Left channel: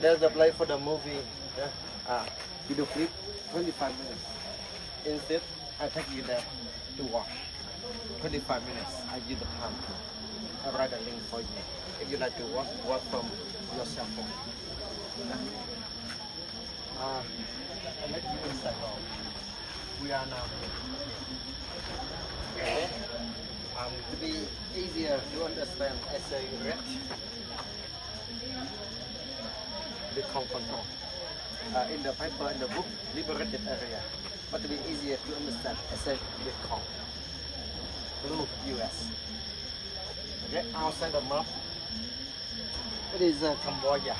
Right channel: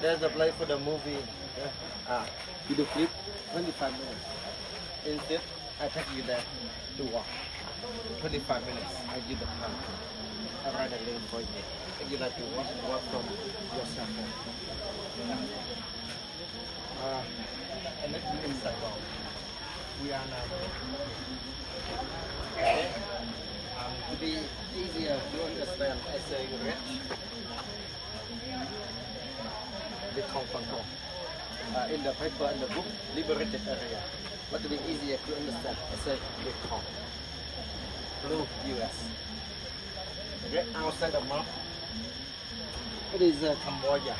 There's the play for the movie. Video clip, 25 minutes. Instead, I take you there to walk. 25 minutes. I give the time. I write a link for you. If you like to walk from your cell phone. I make you in Saigon. We are now here. Okay? To be easier to understand, I say red. The control. In the paper, in the book, liberated area. But to be easier to understand, I say Bitcoin. Blue US. Okay, outside the map, it is Cambodia.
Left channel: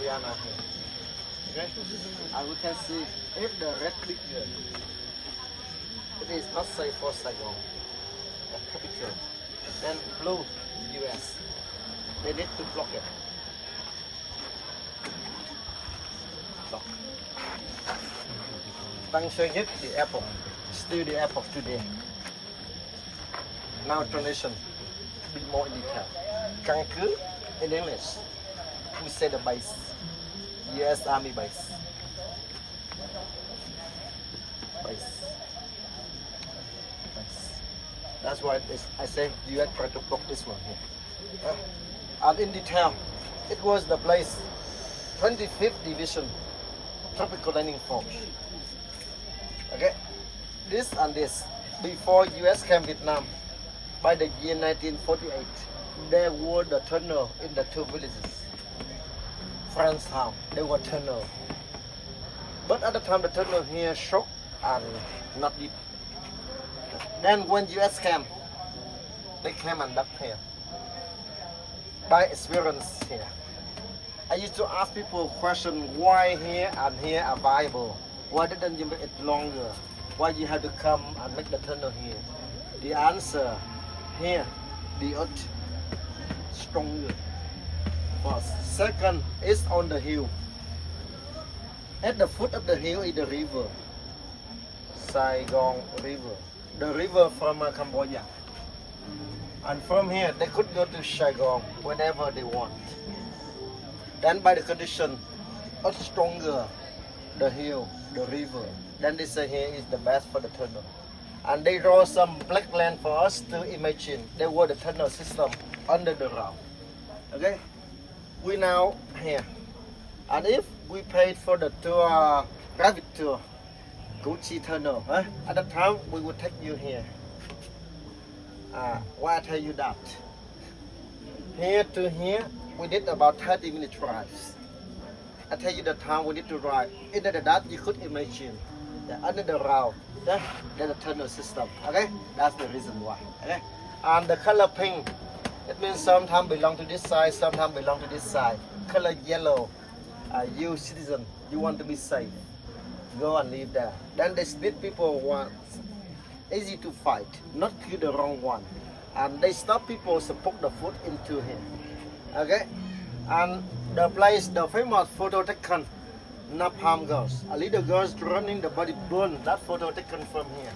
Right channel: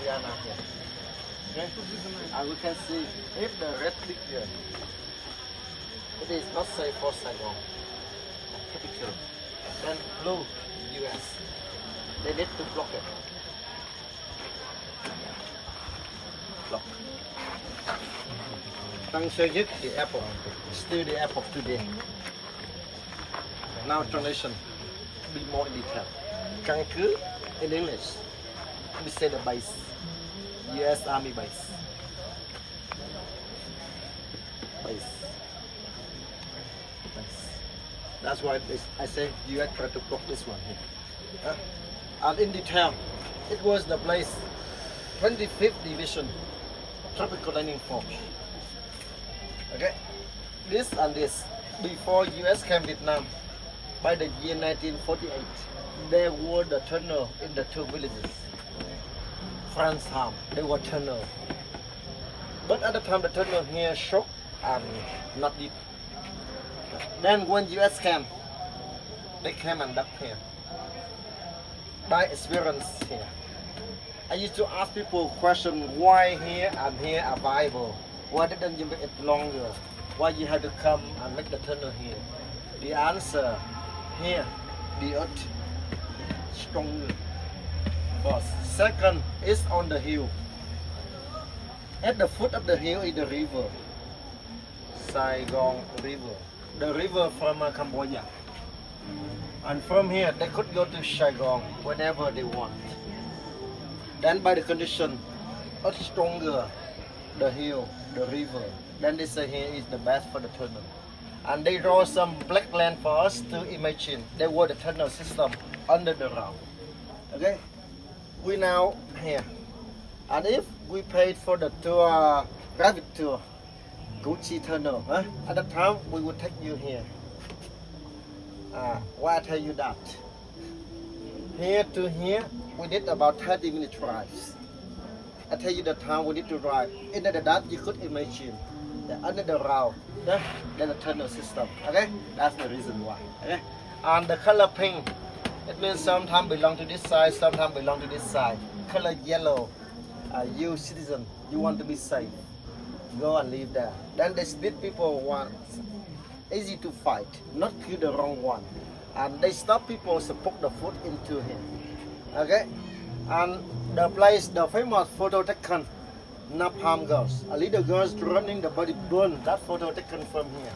We are now here. Okay, and we can see if the red click here, it is not safe for Saigon. Capital. Then blue US. They need to block it. Tăng sơ nhất the apple, still the apple today. Now translation, be more in detail. Căn cứ in English, we say the base, U.S. Army base. Base. That's why I say you have tried to block this one here. And in detail, it was the place 25th Division Tropical Landing Force. Okay, this and this before US came Vietnam. By the year 1948, there were the tunnel in the two villages. France Ham, there were tunnel. But at the time the tunnel here shook and not deep. Then when US came, they came and dug here. By experience here. I used to ask people question why here and here are viable. Why didn't you make it longer? Why you had to come and make the tunnel here? The answer, here, the earth stronger. First. Second, is on the hill. At the foot of the hill is the river. Saigon River. The river from Cambodia. And from here, they could go to Saigon whenever they want. Then by the condition, earth stronger. the hill, the river. Then they say here is the best for the tunnel. And they draw some black land for us to imagine. They were the tunnel system under the ground. Okay, we now here. And if we paid for the tour, private tour, Gucci tunnel, at the time we would take you here. Why I tell you that? Here to here, we did about 30-minute drives. I tell you the time we need to drive. In that you could imagine that under the ground, there's a tunnel system. Okay, that's the reason why. Okay, and the color pink, it means sometimes belong to this side, sometimes belong to this side. Color yellow, you citizen, you want to be safe, go and live there. Then they split people once, easy to fight, not kill the wrong one, and they stop people to put the food into here. Okay, and the place, the famous photo taken, Napalm girls, a little girls running, the body burn. That photo taken from here.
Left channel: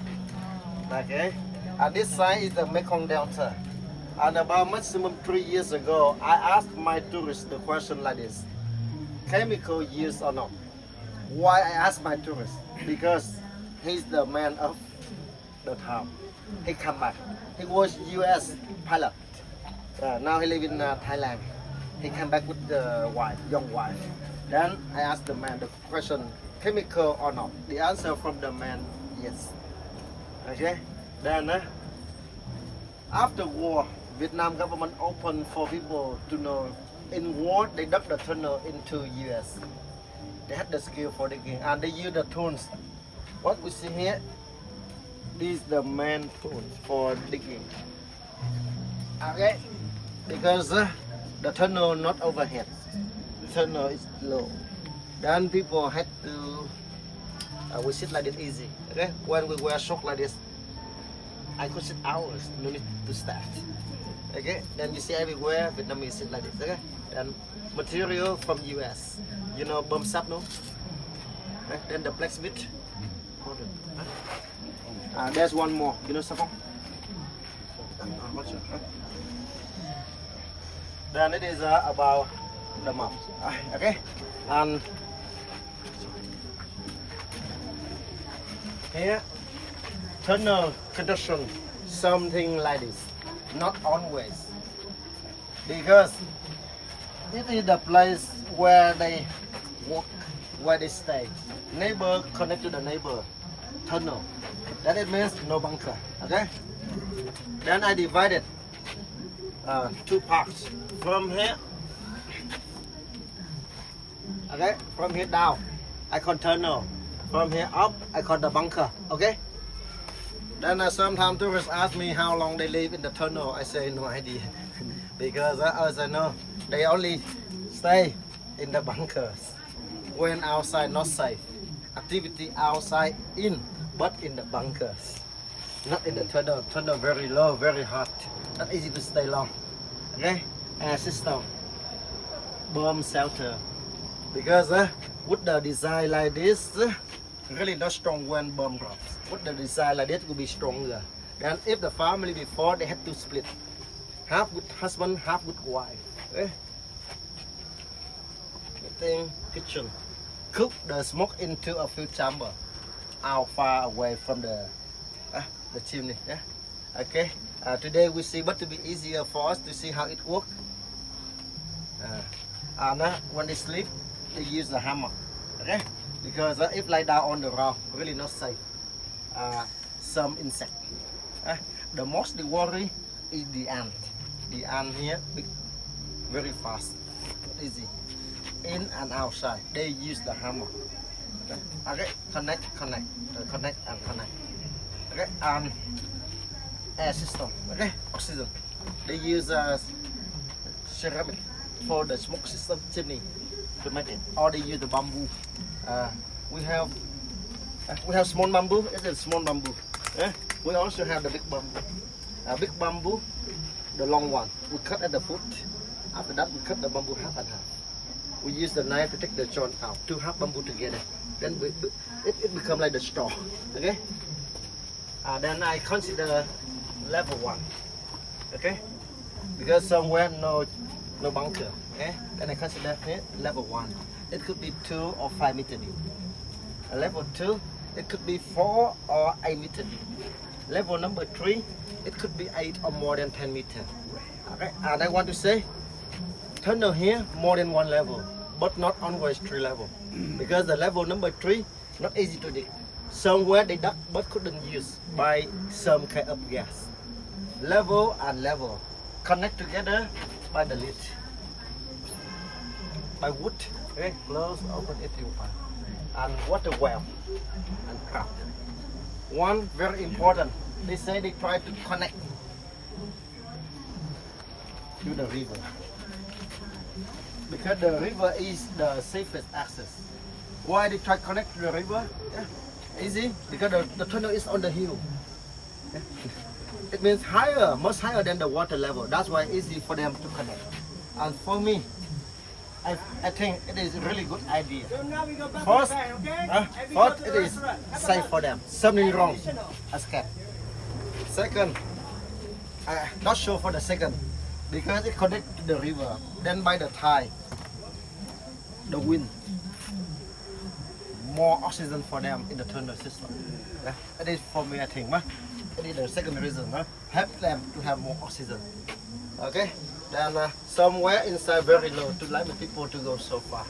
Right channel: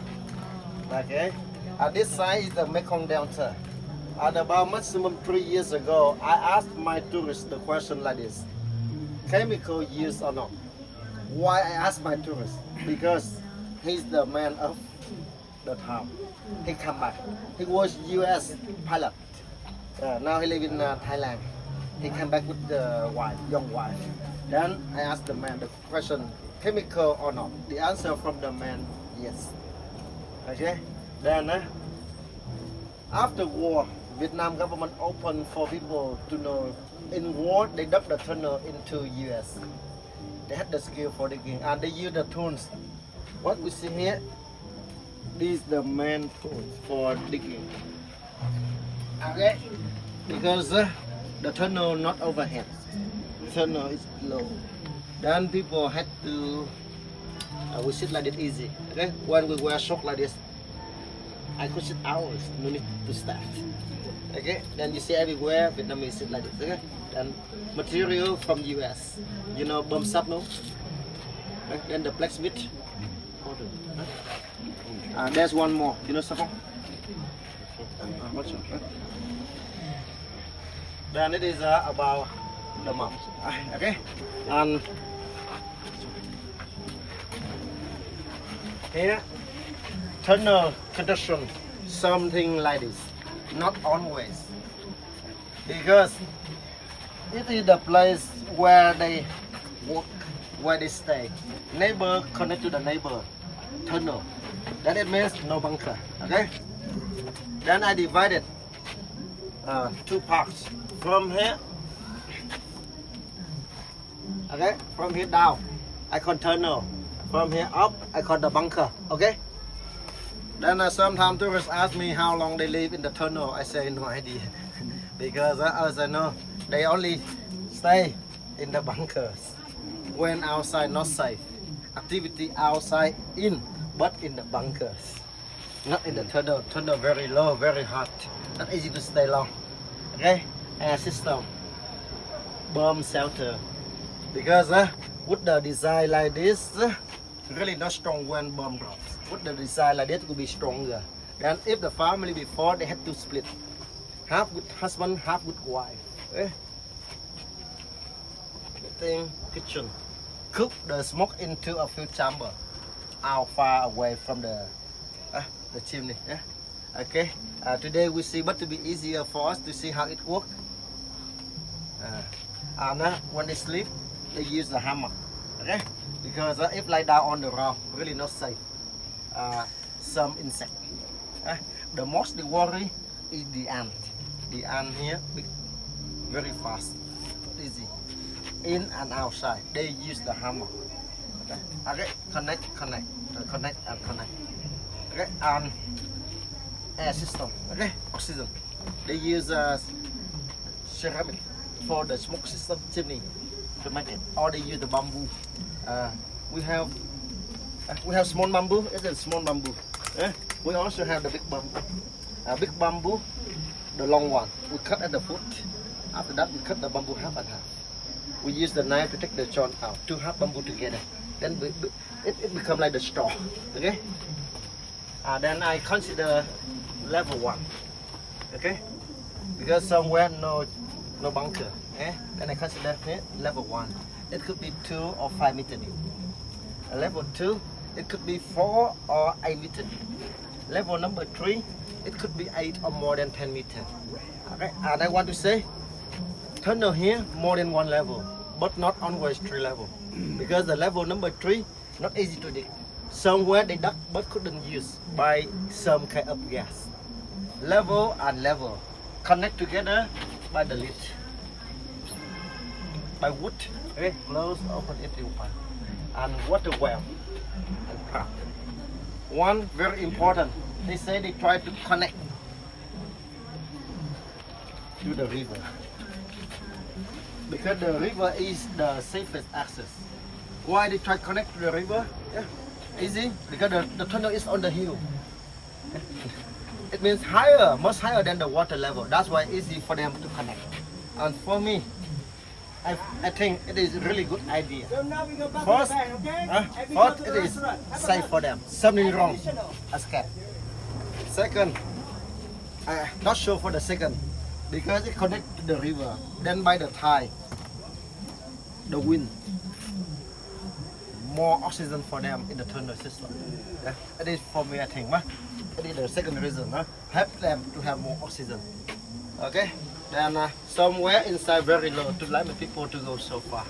Okay, and this side is the Mekong Delta. And about maximum 3 years ago, I asked my tourists the question like this: chemical use or not? Why I asked my tourists? Because he's the man of the town. He come back. He was U.S. pilot. Now he live in Thailand. He came back with the wife, young wife. Then I asked the man the question: chemical or not? The answer from the man: yes. Okay. Then after war, Vietnam government opened for people to know. In war, they dug the tunnel into U.S. They had the skill for digging, and they use the tools. What we see here, these the main tools for digging. Okay, because the tunnel not overhead. The tunnel is low. Then people had to. We sit like this easy. Okay, when we wear shorts like this, I could sit hours. No need to stand. Okay, then you see everywhere Vietnamese sit like this. Okay, and material from US. You know bum sap no? Okay? Then the blacksmith. There's one more. You know sapong? Then it is about the mouth. Okay, and here tunnel condition something like this. Not always, because it is the place where they work, where they stay. Neighbor connect to the neighbor tunnel. That it means no bunker. Okay. Then I divided two parts from here. Okay, from here down, I call tunnel. From here up, I call the bunker. Okay. Then sometimes tourists ask me how long they live in the tunnel. I say no idea, because as I know, they only stay in the bunkers when outside not safe. Activity outside in, but in the bunkers, not in the tunnel. Tunnel very low, very hot, not easy to stay long. Okay, air system, bomb shelter, because with the design like this, really not strong when bomb drops. With the design like this will be stronger. Then if the family before, they had to split, half with husband, half with wife. Okay? The thing, kitchen, cook the smoke into a few chamber, out far away from the chimney. Yeah? Okay. Today we see, but to be easier for us to see how it works. And when they sleep, they use the hammer. Okay? Because if lie down on the ground, really not safe. Some insect. The most they worry is the ant. The ant here big, very fast, easy, in and outside. They use the hammer. Okay, okay. Connect, and connect. Okay, air system. Okay, oxygen. They use ceramic for the smoke system chimney to make it, or they use the bamboo. We have small bamboo. It's a small bamboo. We also have the big bamboo. Big bamboo, the long one, we cut at the foot. After that, we cut the bamboo half and half. We use the knife to take the chon out. Two half bamboo together. Then it becomes like the straw. Okay. Then I consider level 1. Okay. Because somewhere no bunker. Then I consider level 1. It could be 2 or 5 meters deep. Level 2, it could be 4 or 8 meters. Level number 3, it could be 8 or more than 10 meters. Okay, and I want to say, tunnel here more than 1 level, but not always 3 level, because the level number 3 not easy to dig. Somewhere they dug but couldn't use by some kind of gas. Level and level connect together by the lid, by wood. Okay, close, open it, open, and water well and trap. One very important, they say they try to connect to the river, because the river is the safest access. Why they try to connect to the river? Yeah, easy, because the tunnel is on the hill. Yeah. It means higher, much higher than the water level. That's why easy for them to connect. And for me, I think it is a really good idea. First, first it is safe for them. Something wrong, I scared. Second, not sure for the second, because it connects to the river. Then by the tide, the wind, more oxygen for them in the tunnel system. Yeah, it is for me, I think. It is the second reason. Help them to have more oxygen. Okay. Then somewhere inside very low to let the people to go so far,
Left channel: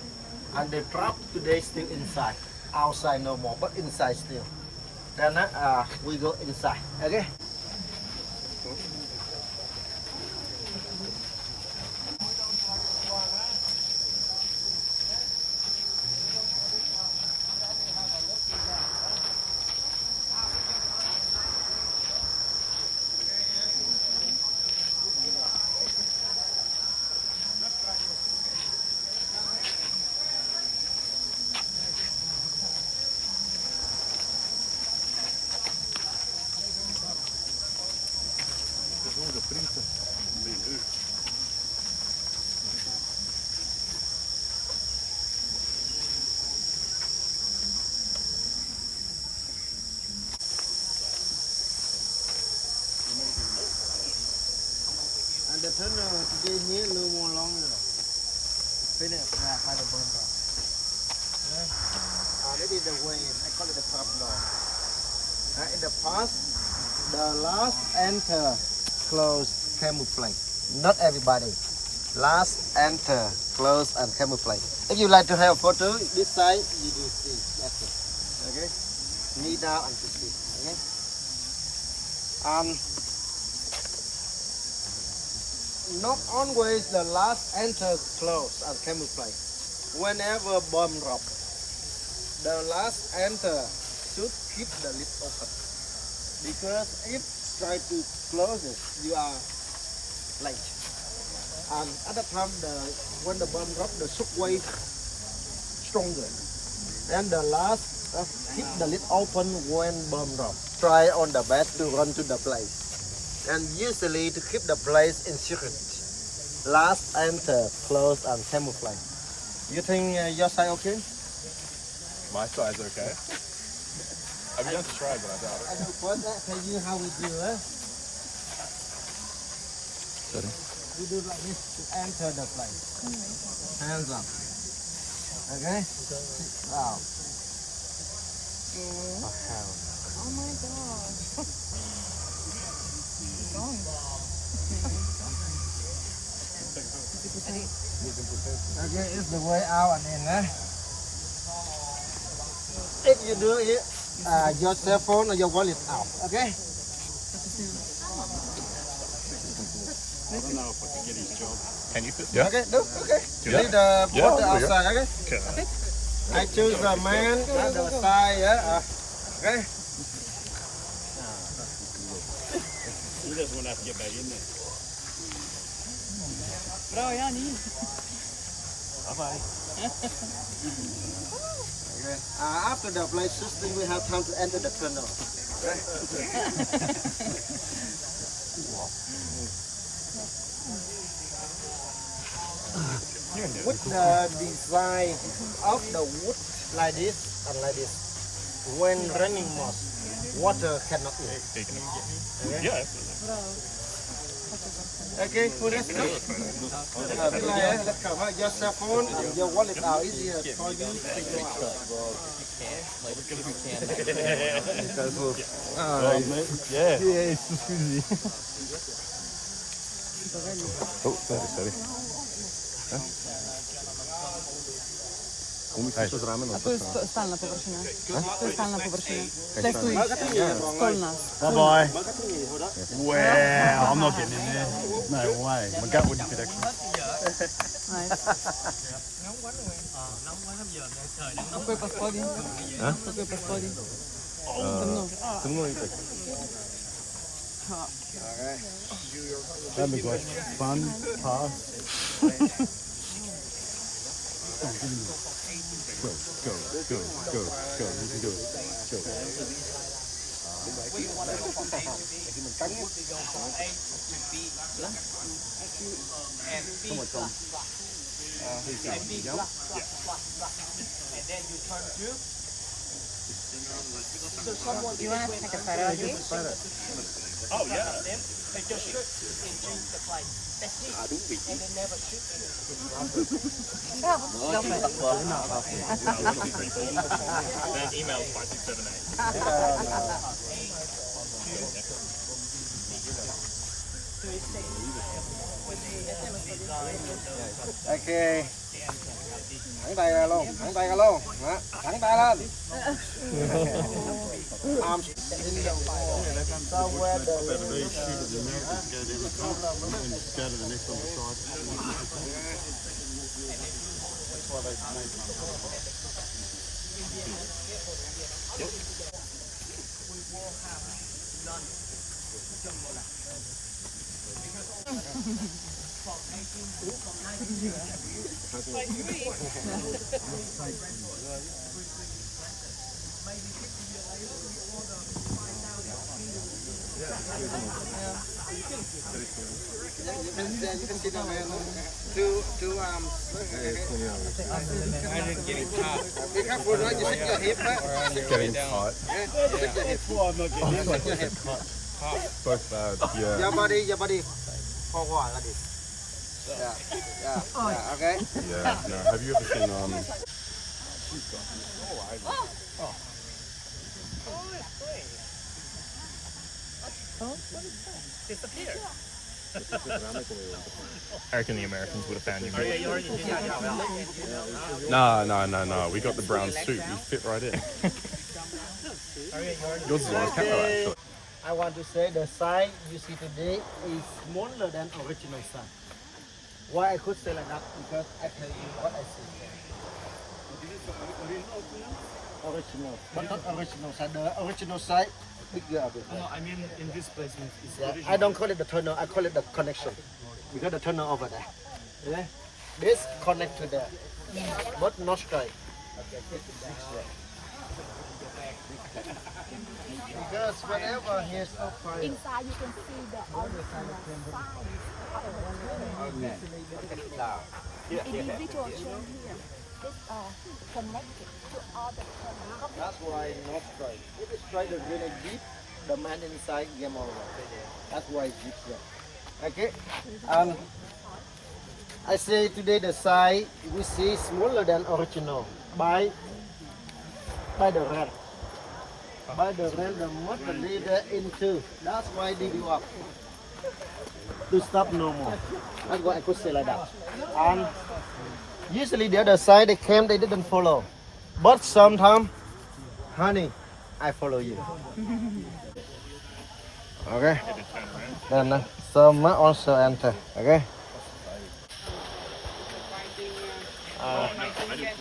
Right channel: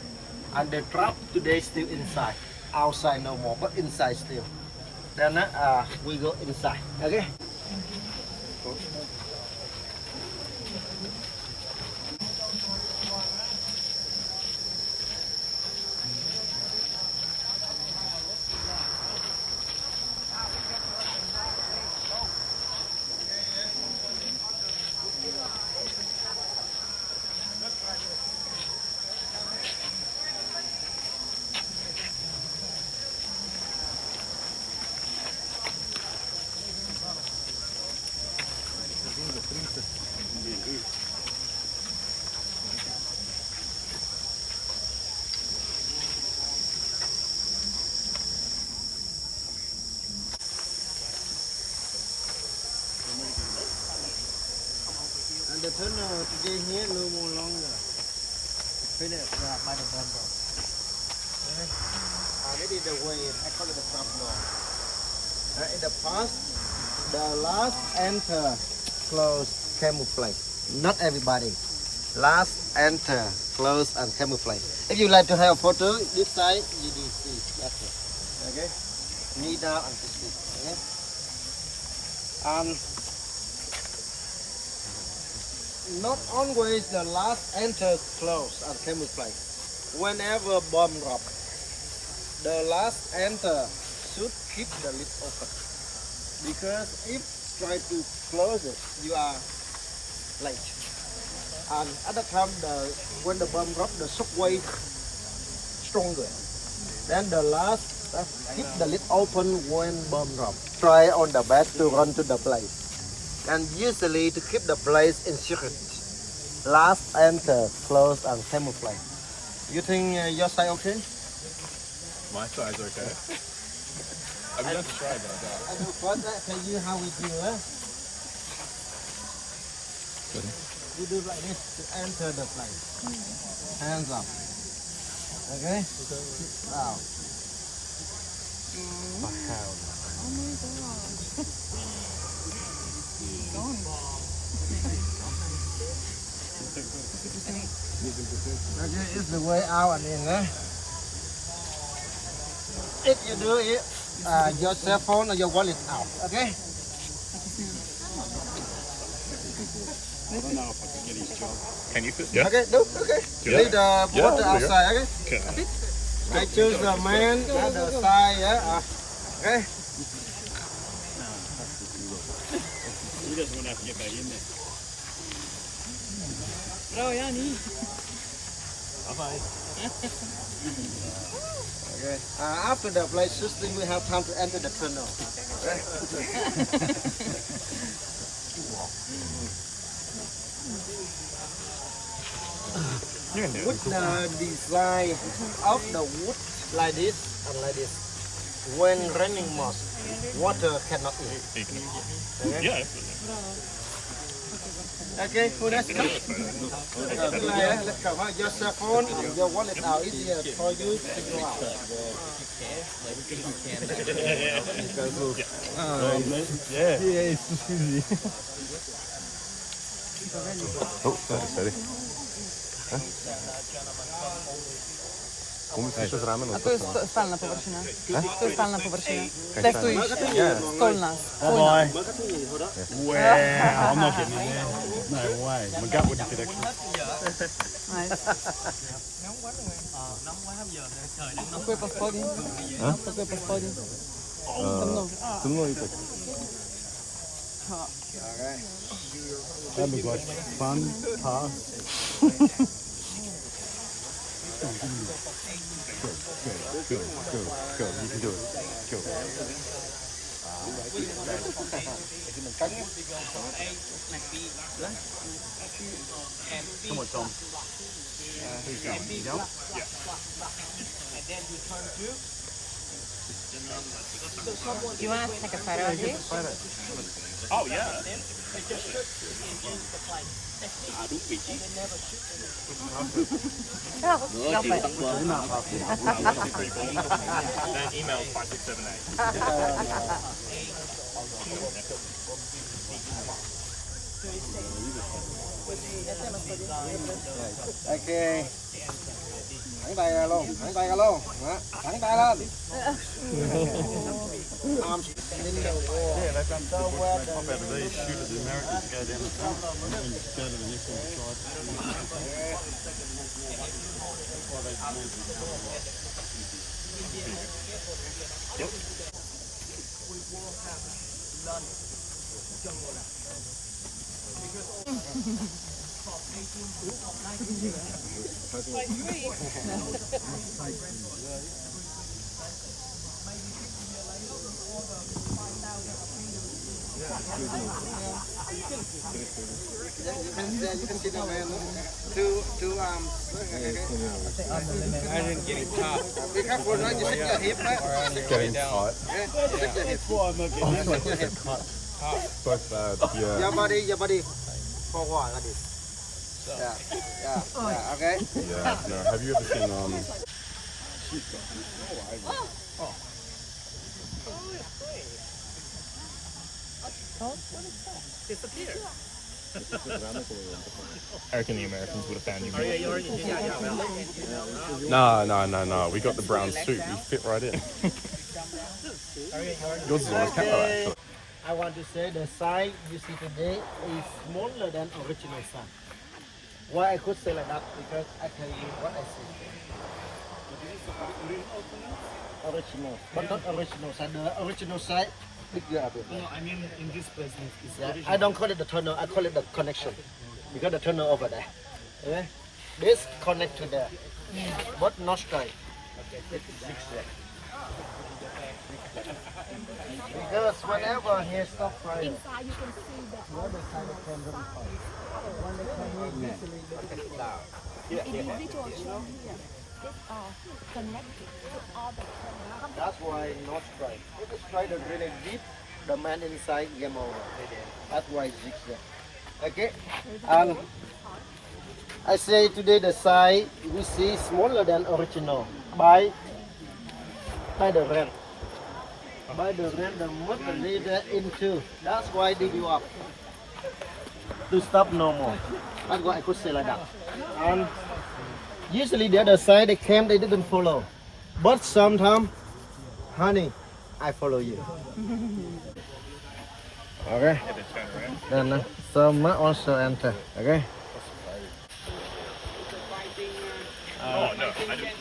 and the trap today still inside, outside no more, but inside still. Then we go inside. Okay. And the tunnel today here no more longer. Finished by the bond door. Okay. And it is the way, I call it the trap door. In the past, the last enter close camouflage. Not everybody. Last enter close and camouflage. If you like to have a photo, this side you do see. That's it. Okay. Knee down and to see. Okay. Not always the last enter close and camouflage. Whenever bomb drop, the last enter should keep the lid open, because if try to close it, you are late. And at the time, when the bomb drop, the shock wave stronger. Then the last keep the lid open when bomb drop. Try on the best to run to the place. And usually to keep the place in secret, last enter, close and camouflage. You think your side okay? My side's okay. I've never tried, but I doubt it. I will first tell you how we do it. We do like this to enter the place. Hands up. Okay? Now. Oh my god. Okay, it's the way out and in. If you do it, your cell phone or your wallet out. Okay? Can you fit? Yeah. Okay, do okay. Leave the water outside. Okay? Okay. I choose the man at the side. Okay? He doesn't want to have to get back in there. Bye-bye. Okay. After the place system, we have time to enter the tunnel. Okay? With the design of the wood like this and like this, when raining most, water cannot in. Okay? Yeah. Okay, who next? Let's come. Your cell phone and your wallet are easier for you to go out. Yeah. Yeah, it's too squeezy. Oh, sorry. Musíš to zrámeno. A to je skalná površina. To je skalná površina. Testuj. Skalná. Bye-bye. Wow, I'm not getting in there. No way. My gut wouldn't fit actually. Такой по споде. Такой по споде. Темно. That'd be like fun, pass. Go. You can do it. Go. You want to take a photo with you? Oh yeah. Then email 5678. Okay. Thẳng tay ra luôn. Đó. Thẳng tay lên. Arms in the wall. So where the Go to the next one you can sit down there. Two arms. I didn't get it caught. Be careful, right? You sit your hip, right? Getting tight. You sit your hip. Sit your hip. Both bad. Yeah. Your body forward like this. Yeah. Okay. Yeah. No. Have you ever seen I reckon the Americans would have found you. No. We got the brown suit. You fit right in. Yours is on camera actually. I want to say the size you see today is smaller than original size. Why I could say like that? Because I tell you what I see. Original, but not original size. The original size bigger a bit. No, I mean in this place it's Yeah, I don't call it the tunnel. I call it the connection because the tunnel over there. Okay? This connect to there, but not straight. It's mixed. Because whenever he stops flying, Inside you can see the original individual shape here. Connect. that's why not straight. If it's straight and really deep, the man inside game over. That's why it's zigzag. Okay? I say today the size we see smaller than original by the rent. By the rent, the mud the leader into. That's why they do up to stop no more. That's why I could say like that. And usually the other side they came, they didn't follow. But sometimes, honey, I follow you. Okay. Then some also enter. Okay.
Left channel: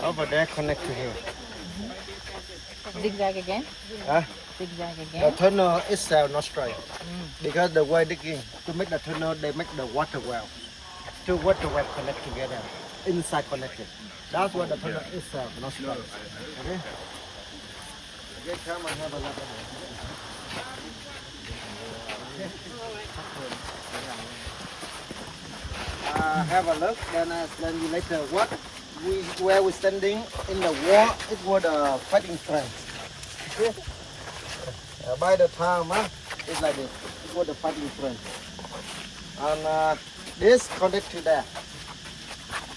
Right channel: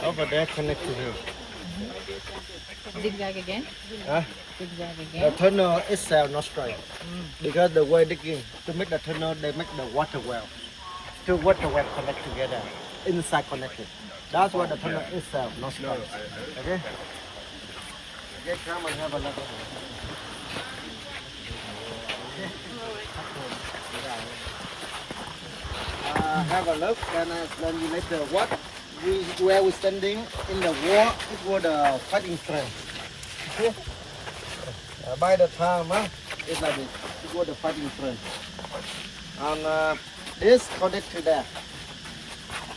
Over there connect to him. Zigzag again? Huh? Zigzag The again? tunnel itself not straight. Because the way digging, to make the tunnel, they make the water well. Two water well connect together, inside connected. That's why the tunnel itself not straight. Okay? Okay, come and have a look at it. Have a look, then I explain you later what where we're standing in the wall. It was the fighting trench. Okay? By the time, it's like this. It was the fighting trench. And This connect to there.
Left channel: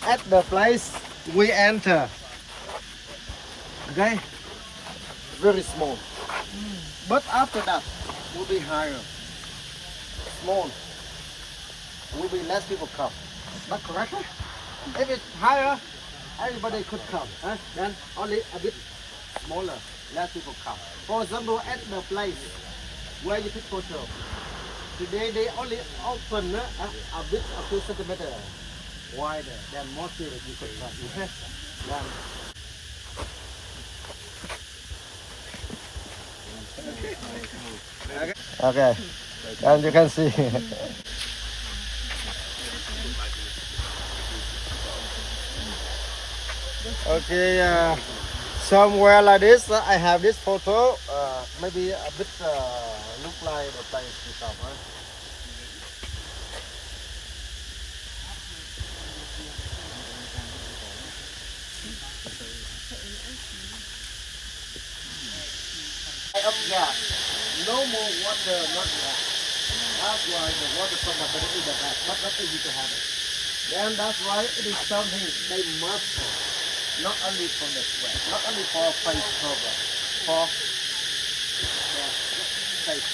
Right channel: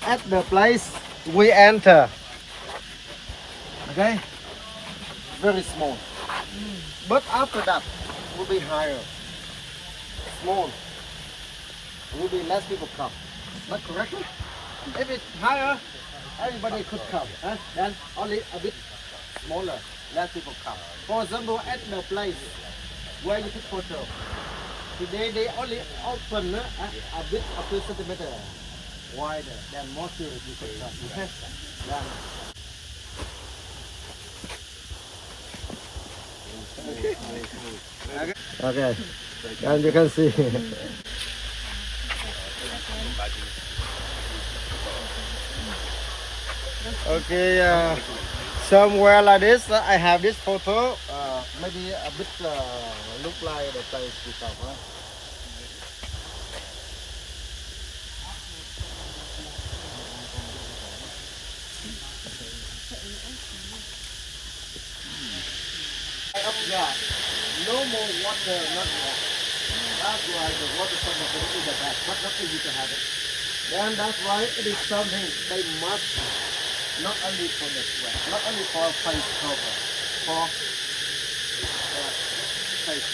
At the place we enter, okay, very small. But after that, will be higher. Small. Will be less people come. Not correct? If it's higher, everybody could come. Then only a bit smaller, less people come. For example, at the place where you take photo, today they only open a bit, a few centimeters wider. Then more serious you could come. Okay? Then okay. And you can see. Okay, somewhere like this, I have this photo. Maybe a bit look like the place you come, right? Up there, no more water, not that. That's why the water from the bottom is the best, but not easy to have it. Then that's why it is something they must have. Not only for the sweat, not only for face cover, for face.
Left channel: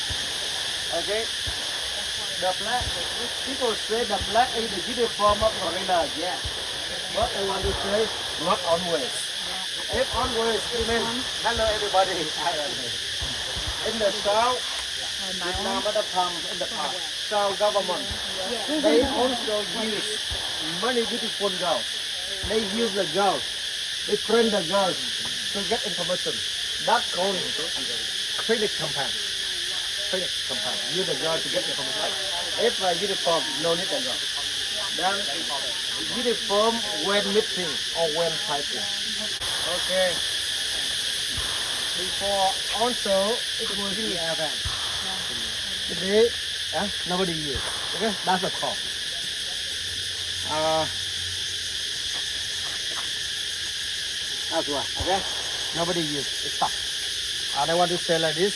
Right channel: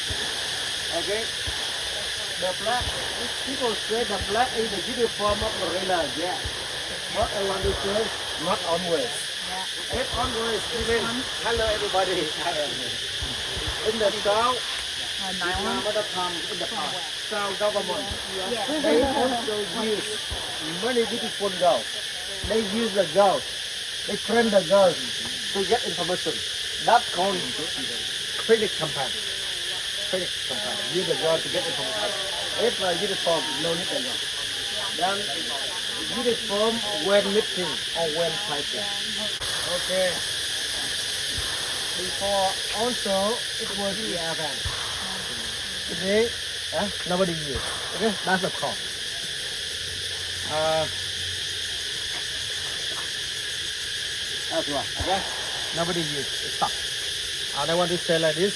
Okay? The black, people say the black is the uniform of gorilla, yeah. But I want to say, not always. If always, it means, hello everybody, I am here. In the south, mother tongue in the past, south government, they also use many beautiful girls. They use the girls. They train the girls to get information. That's called training campaign. Training campaign. Use the girl to get information. If a uniform, no need the girl. Then uniform when meeting or when fighting. Okay. Before also it was the event. Today, nobody use. Okay, that's the call. That's why, okay? Nobody use. It's stop. And I want to say like this.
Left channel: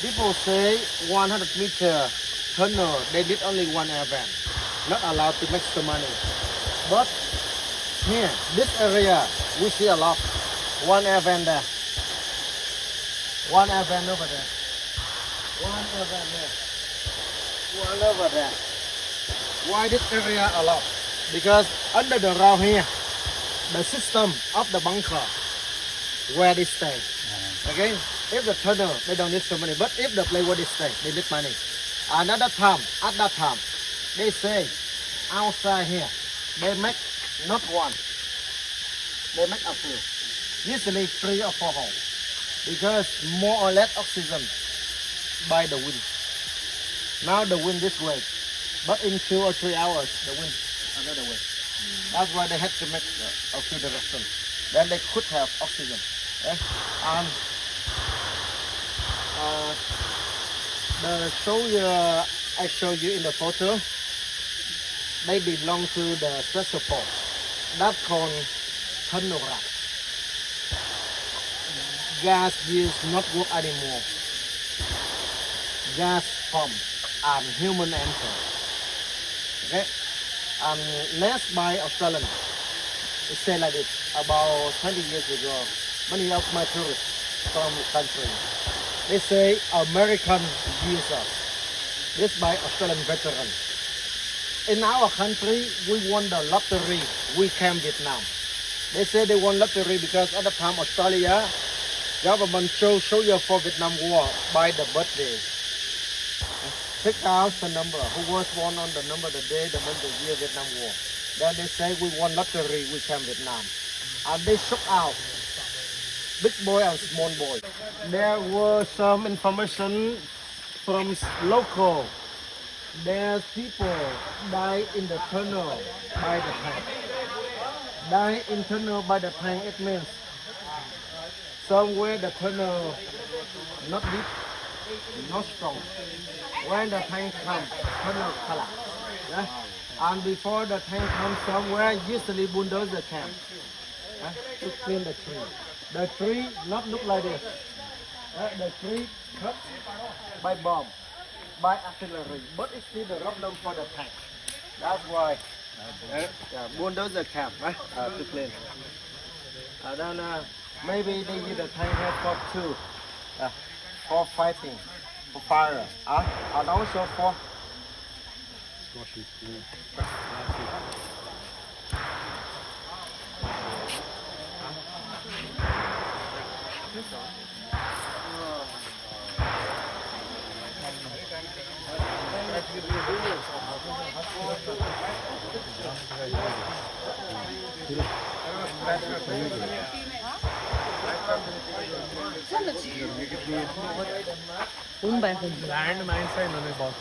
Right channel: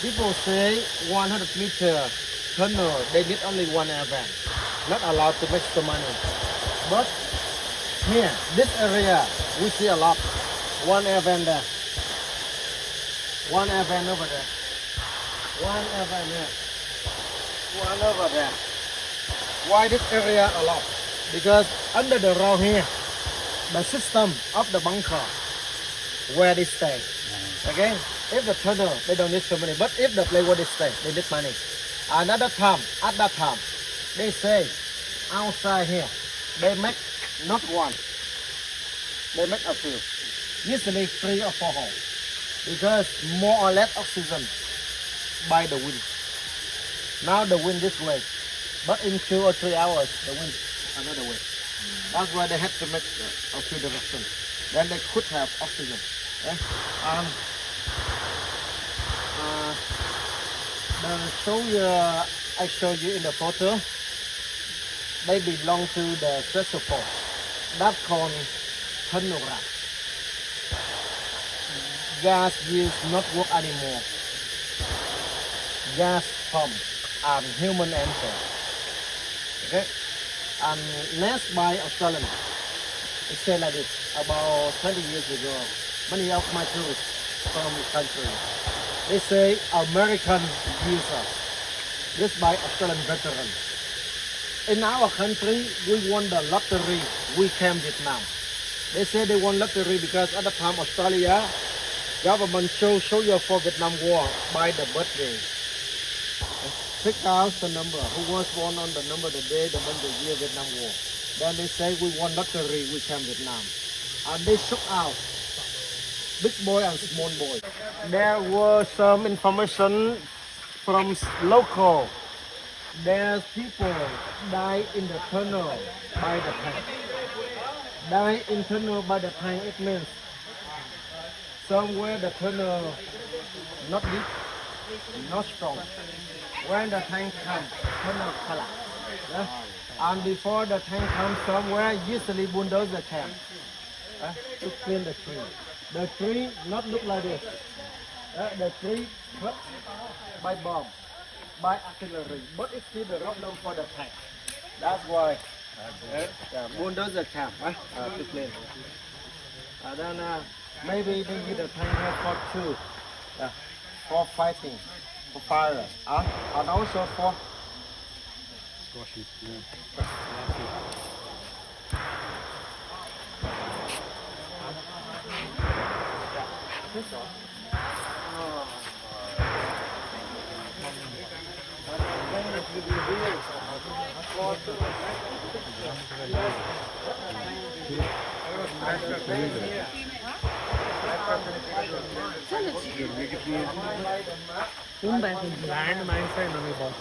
People say 100 meter tunnel, they need only one air van. Not allowed to make some money. But here, this area, we see a lot. One air van there. One air van over there. One air van there. One over there. Why this area a lot? Because under the ground here, the system of the bunker where they stay. Okay? If the tunnel, they don't need so money. But if the place where they stay, they need money. Another time, at that time, they say outside here, they make not one. They make a few. Usually 3 or 4 holes. Because more or less oxygen by the wind. Now the wind this way. But in 2 or 3 hours, the wind another way. That's why they had to make a few directions. Then they could have oxygen. Okay? The soldier I showed you in the photo, they belong to the special force. That's called tunnel rat. Gas use not work anymore. Gas pump and human enter. Okay? And next by Australian, it said like this, about 20 years ago, many of my tourists from the country, they say American use us. This by Australian veterans. In our country, we won the lottery, we came Vietnam. They say they won lottery because at the time Australia, government show you for Vietnam War by the birthday. Pick out the number, who was born on the number, the day, the month, the year, Vietnam War. Then they say we won lottery, we came Vietnam. And they shook out big boy and small boy. There was some information from local. There's people die in the tunnel by the tank. Die in tunnel by the tank, it means somewhere the tunnel not deep, not strong. When the tank comes, tunnel collapse. Yeah? And before the tank comes somewhere, usually bulldozer camp to clean the tree. The tree not look like this. The tree cut by bomb, by artillery, but it's still the problem for the tank. That's why. Yeah, bulldozer camp, to clean. Then maybe they need a tank here for two, for fighting, for fire, and also for Squashing. Yeah. Land mine side on about.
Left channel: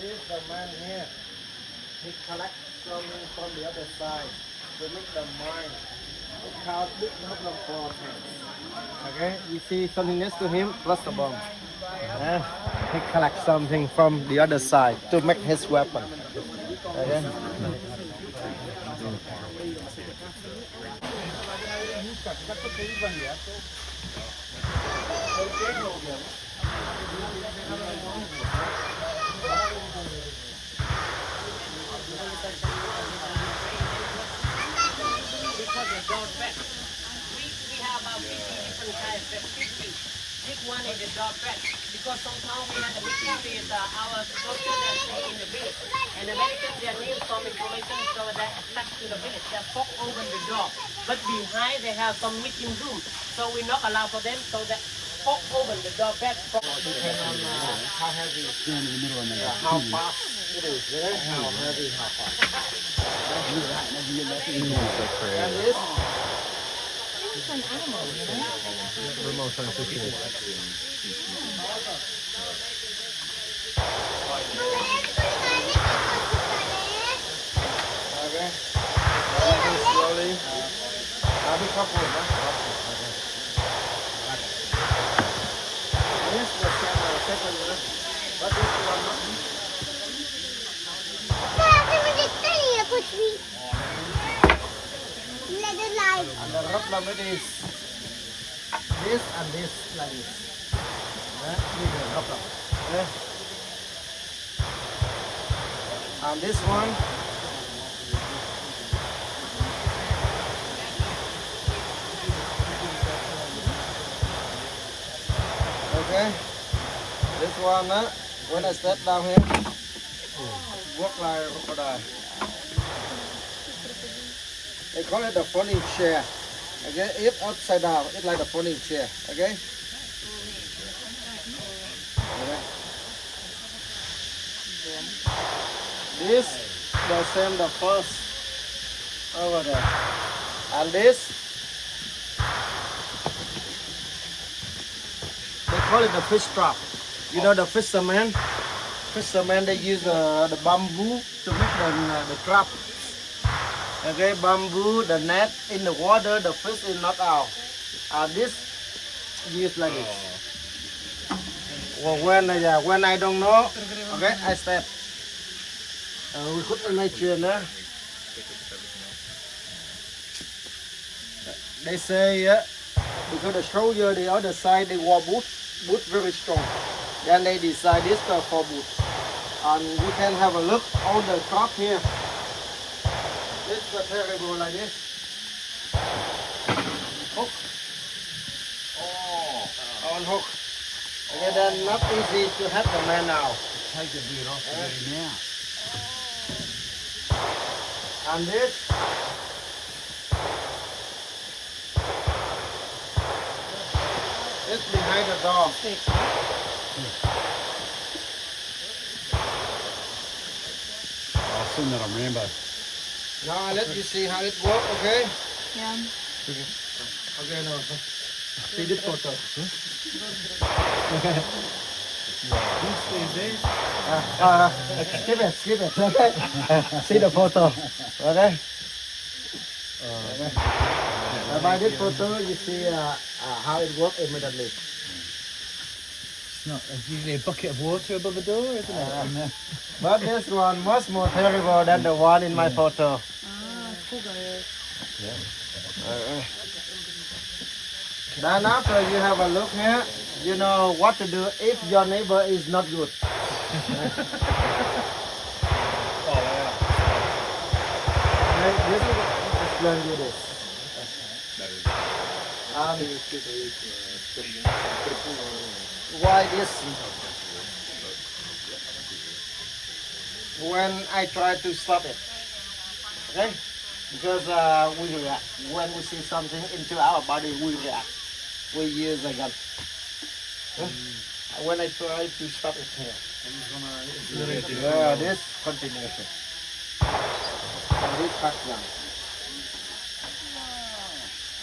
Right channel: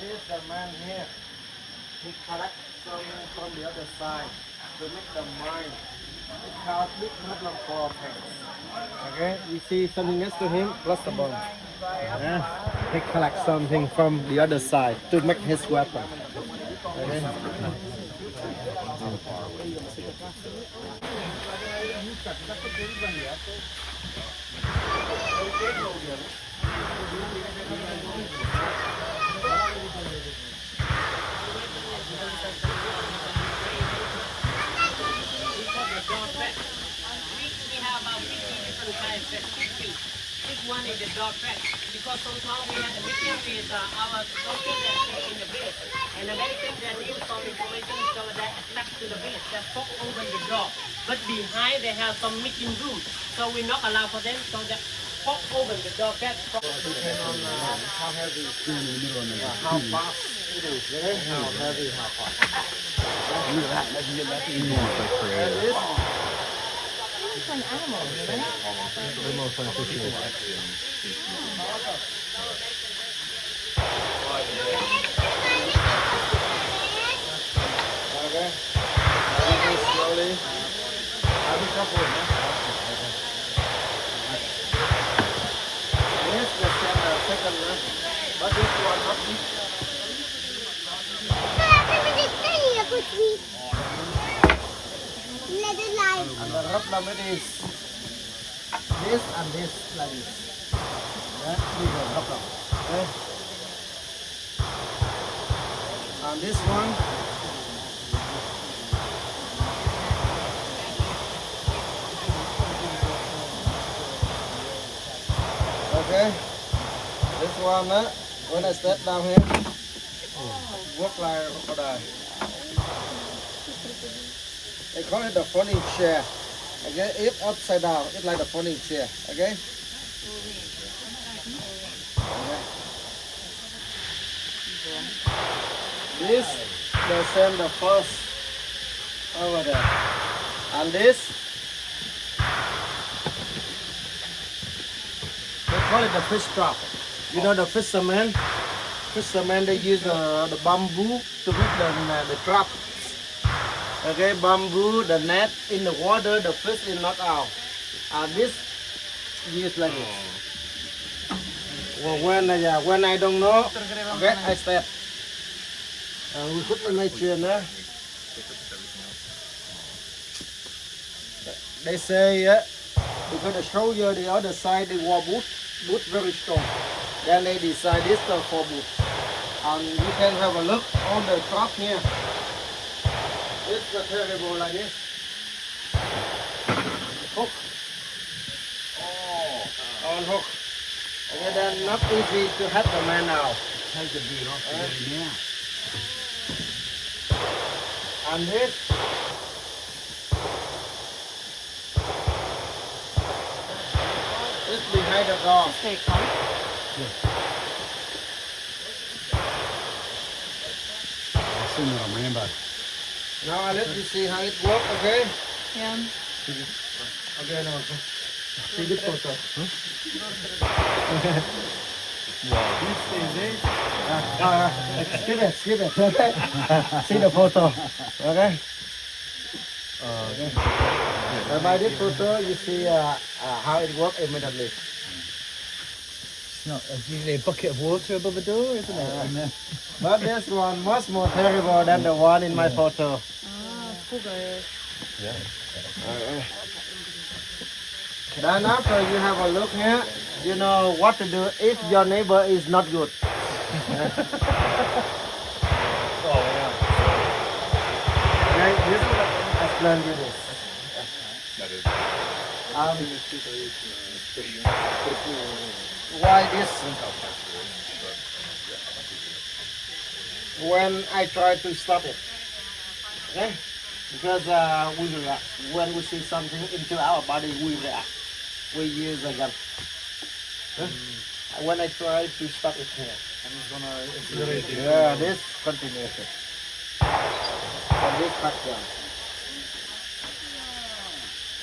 This is the man here. He collects from the other side to make the mine. It has big problem for tanks. Okay, you see something next to him, plus the bomb. Yeah, he collects something from the other side to make his weapon. Okay. This one is the dog track because sometimes we have a meeting with our soldiers that stay in the village and when they need some information so they attach to the village, they pop open the door. But behind they have some meeting room, so we not allow for them, so they pop open the door back. Depend on how heavy, Stand in the middle and then how fast it is, how heavy, how fast. And this It's an animal, you know? remote scientific. Okay. Moving slowly. I'll be careful, no? Okay. This the second one, but this one not. And the rough limit is this and this like this. That is the rough limit. Okay. And this one. Okay. This one, when I step down here, work like a crocodile. They call it the folding chair. Okay, if upside down, it's like the folding chair. Okay. Okay. This the same the first over there, and this they call it the fish trap. You know the fishermen. Fishermen they use the bamboo to make the trap. Okay, bamboo, the net in the water, the fish is not out. This used like this. Well, when I don't know, okay, I step. We put in my chain, They say because the shoulder the other side they wore boot very strong. Then they decide this for boot. And you can have a look on the top here. It's a terrible like this. Hook. Oh, on hook. Okay, then not easy to have the man now. take the beard off today now. And this. It's behind the door. Take that. I'll send that on Rambo. Now I let you see how it works, okay? Yeah. Okay, now. See this photo. Skip it, okay? See the photo, okay? By this photo, you see how it works immediately. No, there's usually a bucket of water above the door, isn't it? And, But this one much more terrible than the one in my photo. Then after you have a look here, you know what to do if your neighbor is not good. Okay, this is I explain you this. Why this? When I try to stop it, okay? Because we react. When we see something into our body, we react. We use a gun. Huh? When I try to stop it here, yeah, this continuation. From this part down.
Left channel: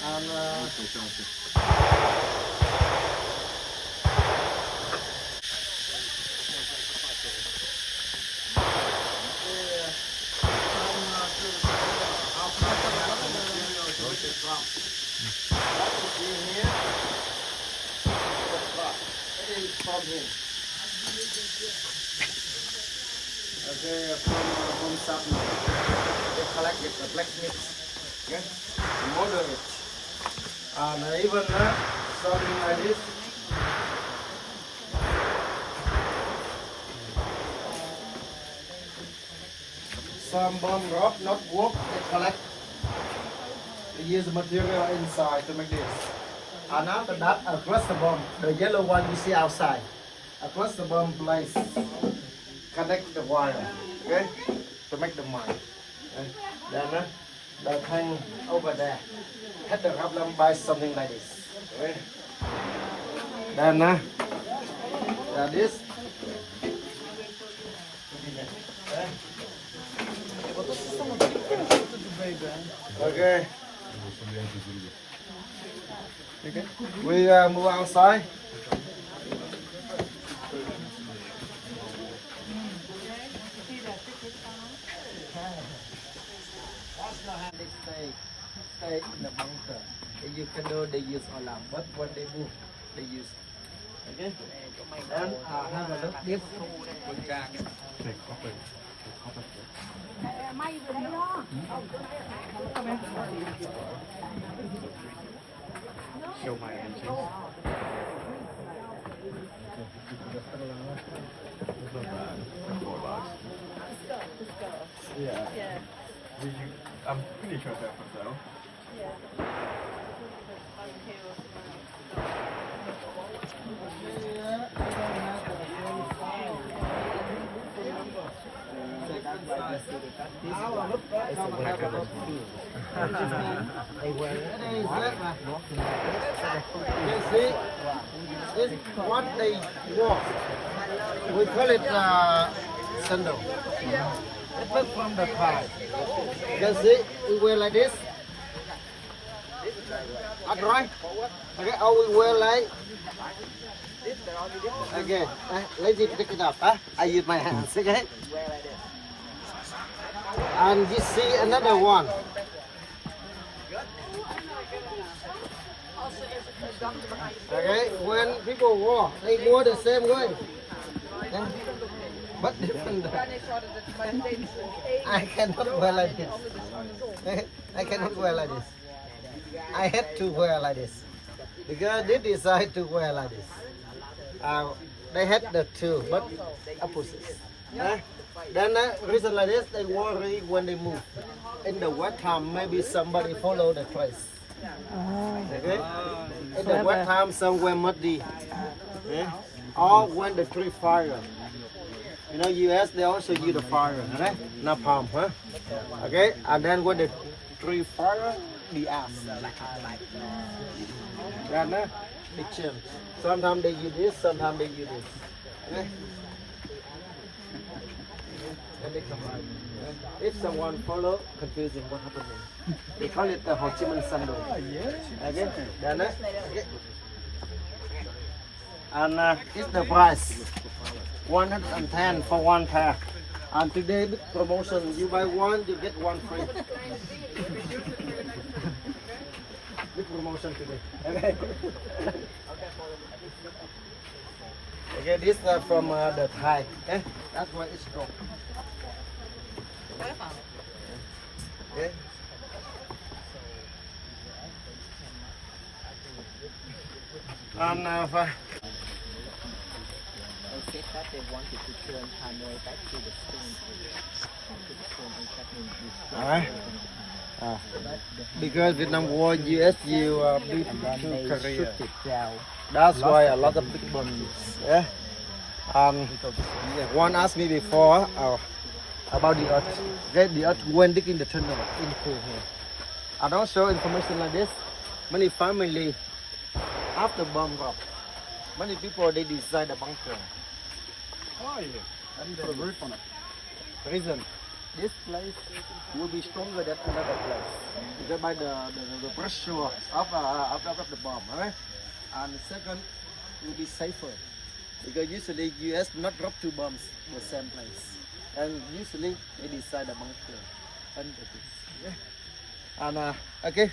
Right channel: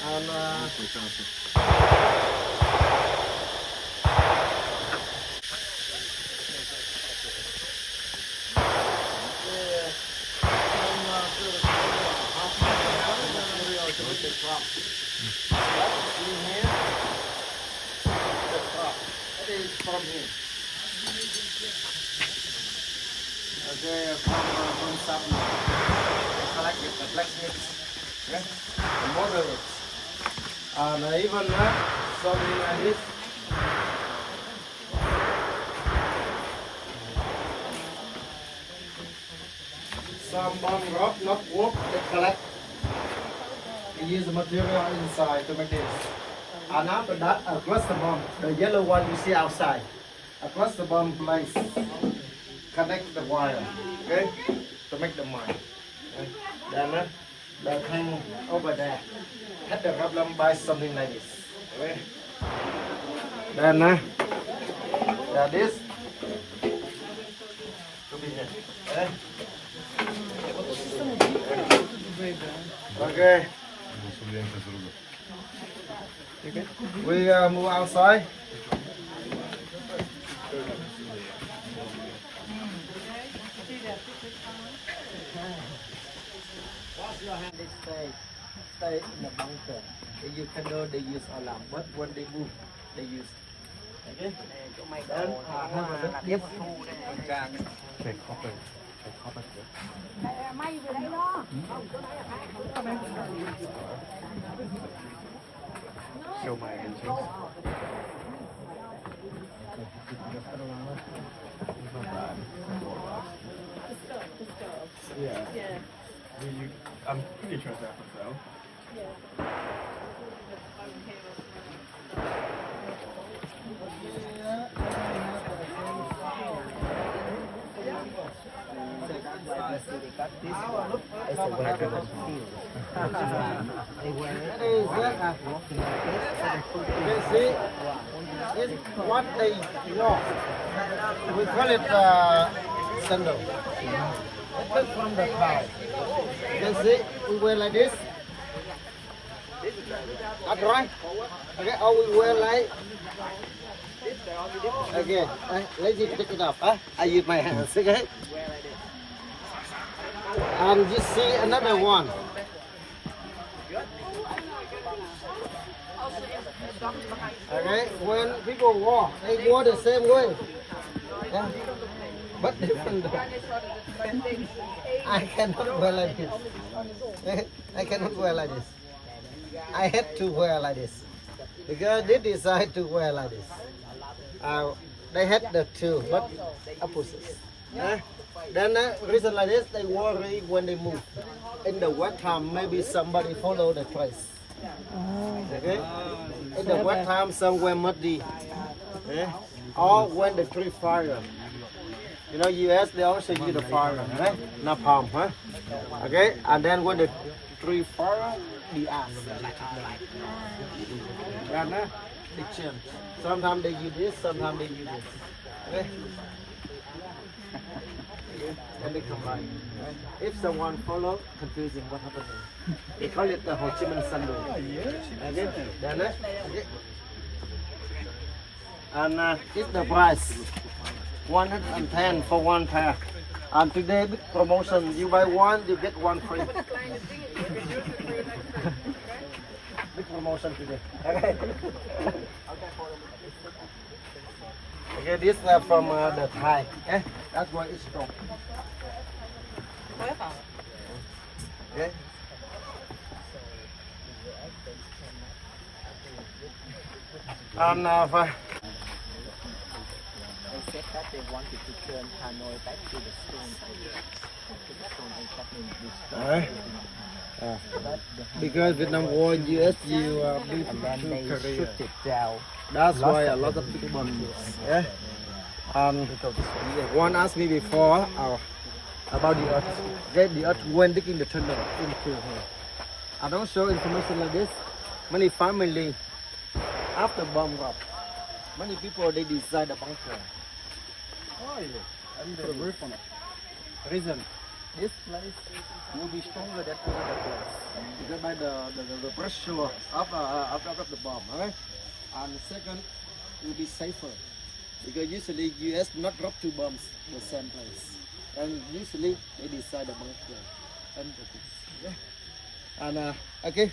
And what you see here, the crop, that is from here. Okay, from something. They collect it, the blacksmiths, okay? The model it. And even something like this. Some bomb rock, not work, they collect. They use the material inside to make this. And after that, across the bomb, the yellow one we see outside. Across the bomb place, connect the wire, okay, to make the mine. Okay. Then the hang over there, had the problem by something like this. Okay. Then this. Okay. We move outside. They stay in the bunker. You can know they use alarm, but when they move, they use. Okay. Then have a look this. show my rations. Yeah. I'm pretty sure that's myself. You see, this is what they walk. We call it sandal. It's made from the cow. You can see, we wear like this. That's right. Okay, or we wear like. Okay, let me pick it up. I use my hands, okay? And you see another one. Okay, when people walk, they walk the same way. Yeah. But different. I cannot wear like this. I cannot wear like this. I had to wear like this. Because they decide to wear like this. They had the two, but opposites. Then reason like this, they worry when they move. In the wet time, maybe somebody follow the trace. Okay? In the wet time, somewhere muddy. Or when the tree fire. You know, US, they also use the fire, right? Napalm, huh? Okay? And then when the tree fire, the ash. Yeah, they change. Sometimes they use this, sometimes they use this. Okay? And they combine. If someone follow, confusing what happened. They call it the Ho Chi Minh Sunday. Again, then okay. And it's the price. 110 for one pair. And today big promotion. You buy one, you get one free. big promotion today. Okay. Okay, this from the Thai. That's why it's strong. Okay. And They said that they wanted to turn Hanoi back to the Stone Age. Back to the Stone Age, that means because Vietnam War, US, you beat and then to they Korea. shoot it down. That's why a lot of people, yeah. One asked me before about the earth. The earth when digging the tunnel into here. I don't show information like this. Many family after bomb drop, many people they decide a bunker. Oh, yeah. And put a roof on it. Reason, this place will be stronger than another place because by the pressure of the bomb, right? And the second will be safer because usually US not drop two bombs in the same place, and usually they decide a bunker and the things. Yeah. And okay.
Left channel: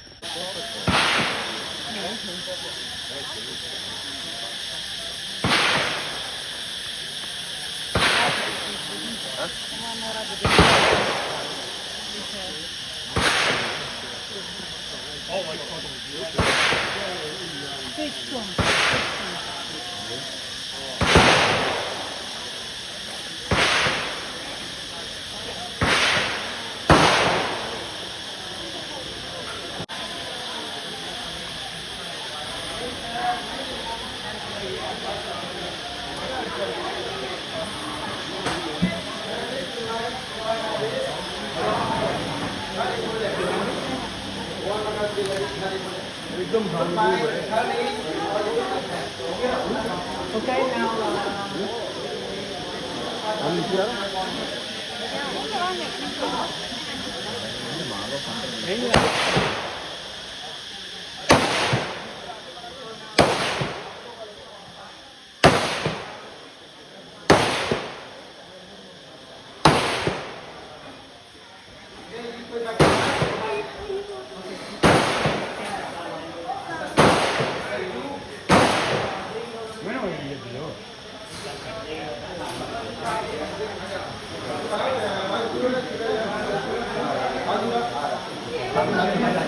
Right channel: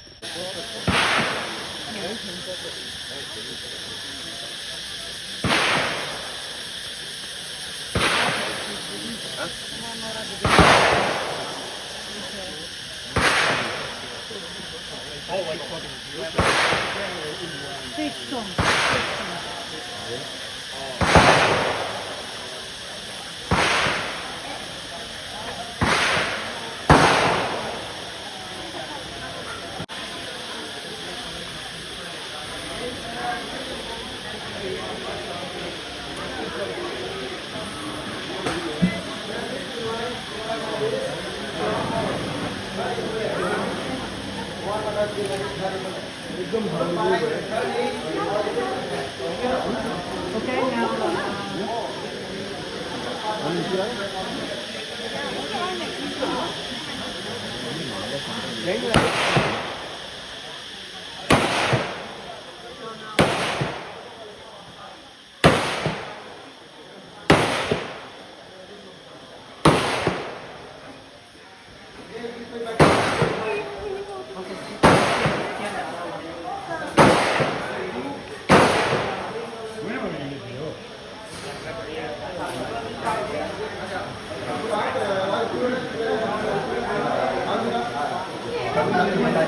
When are we going to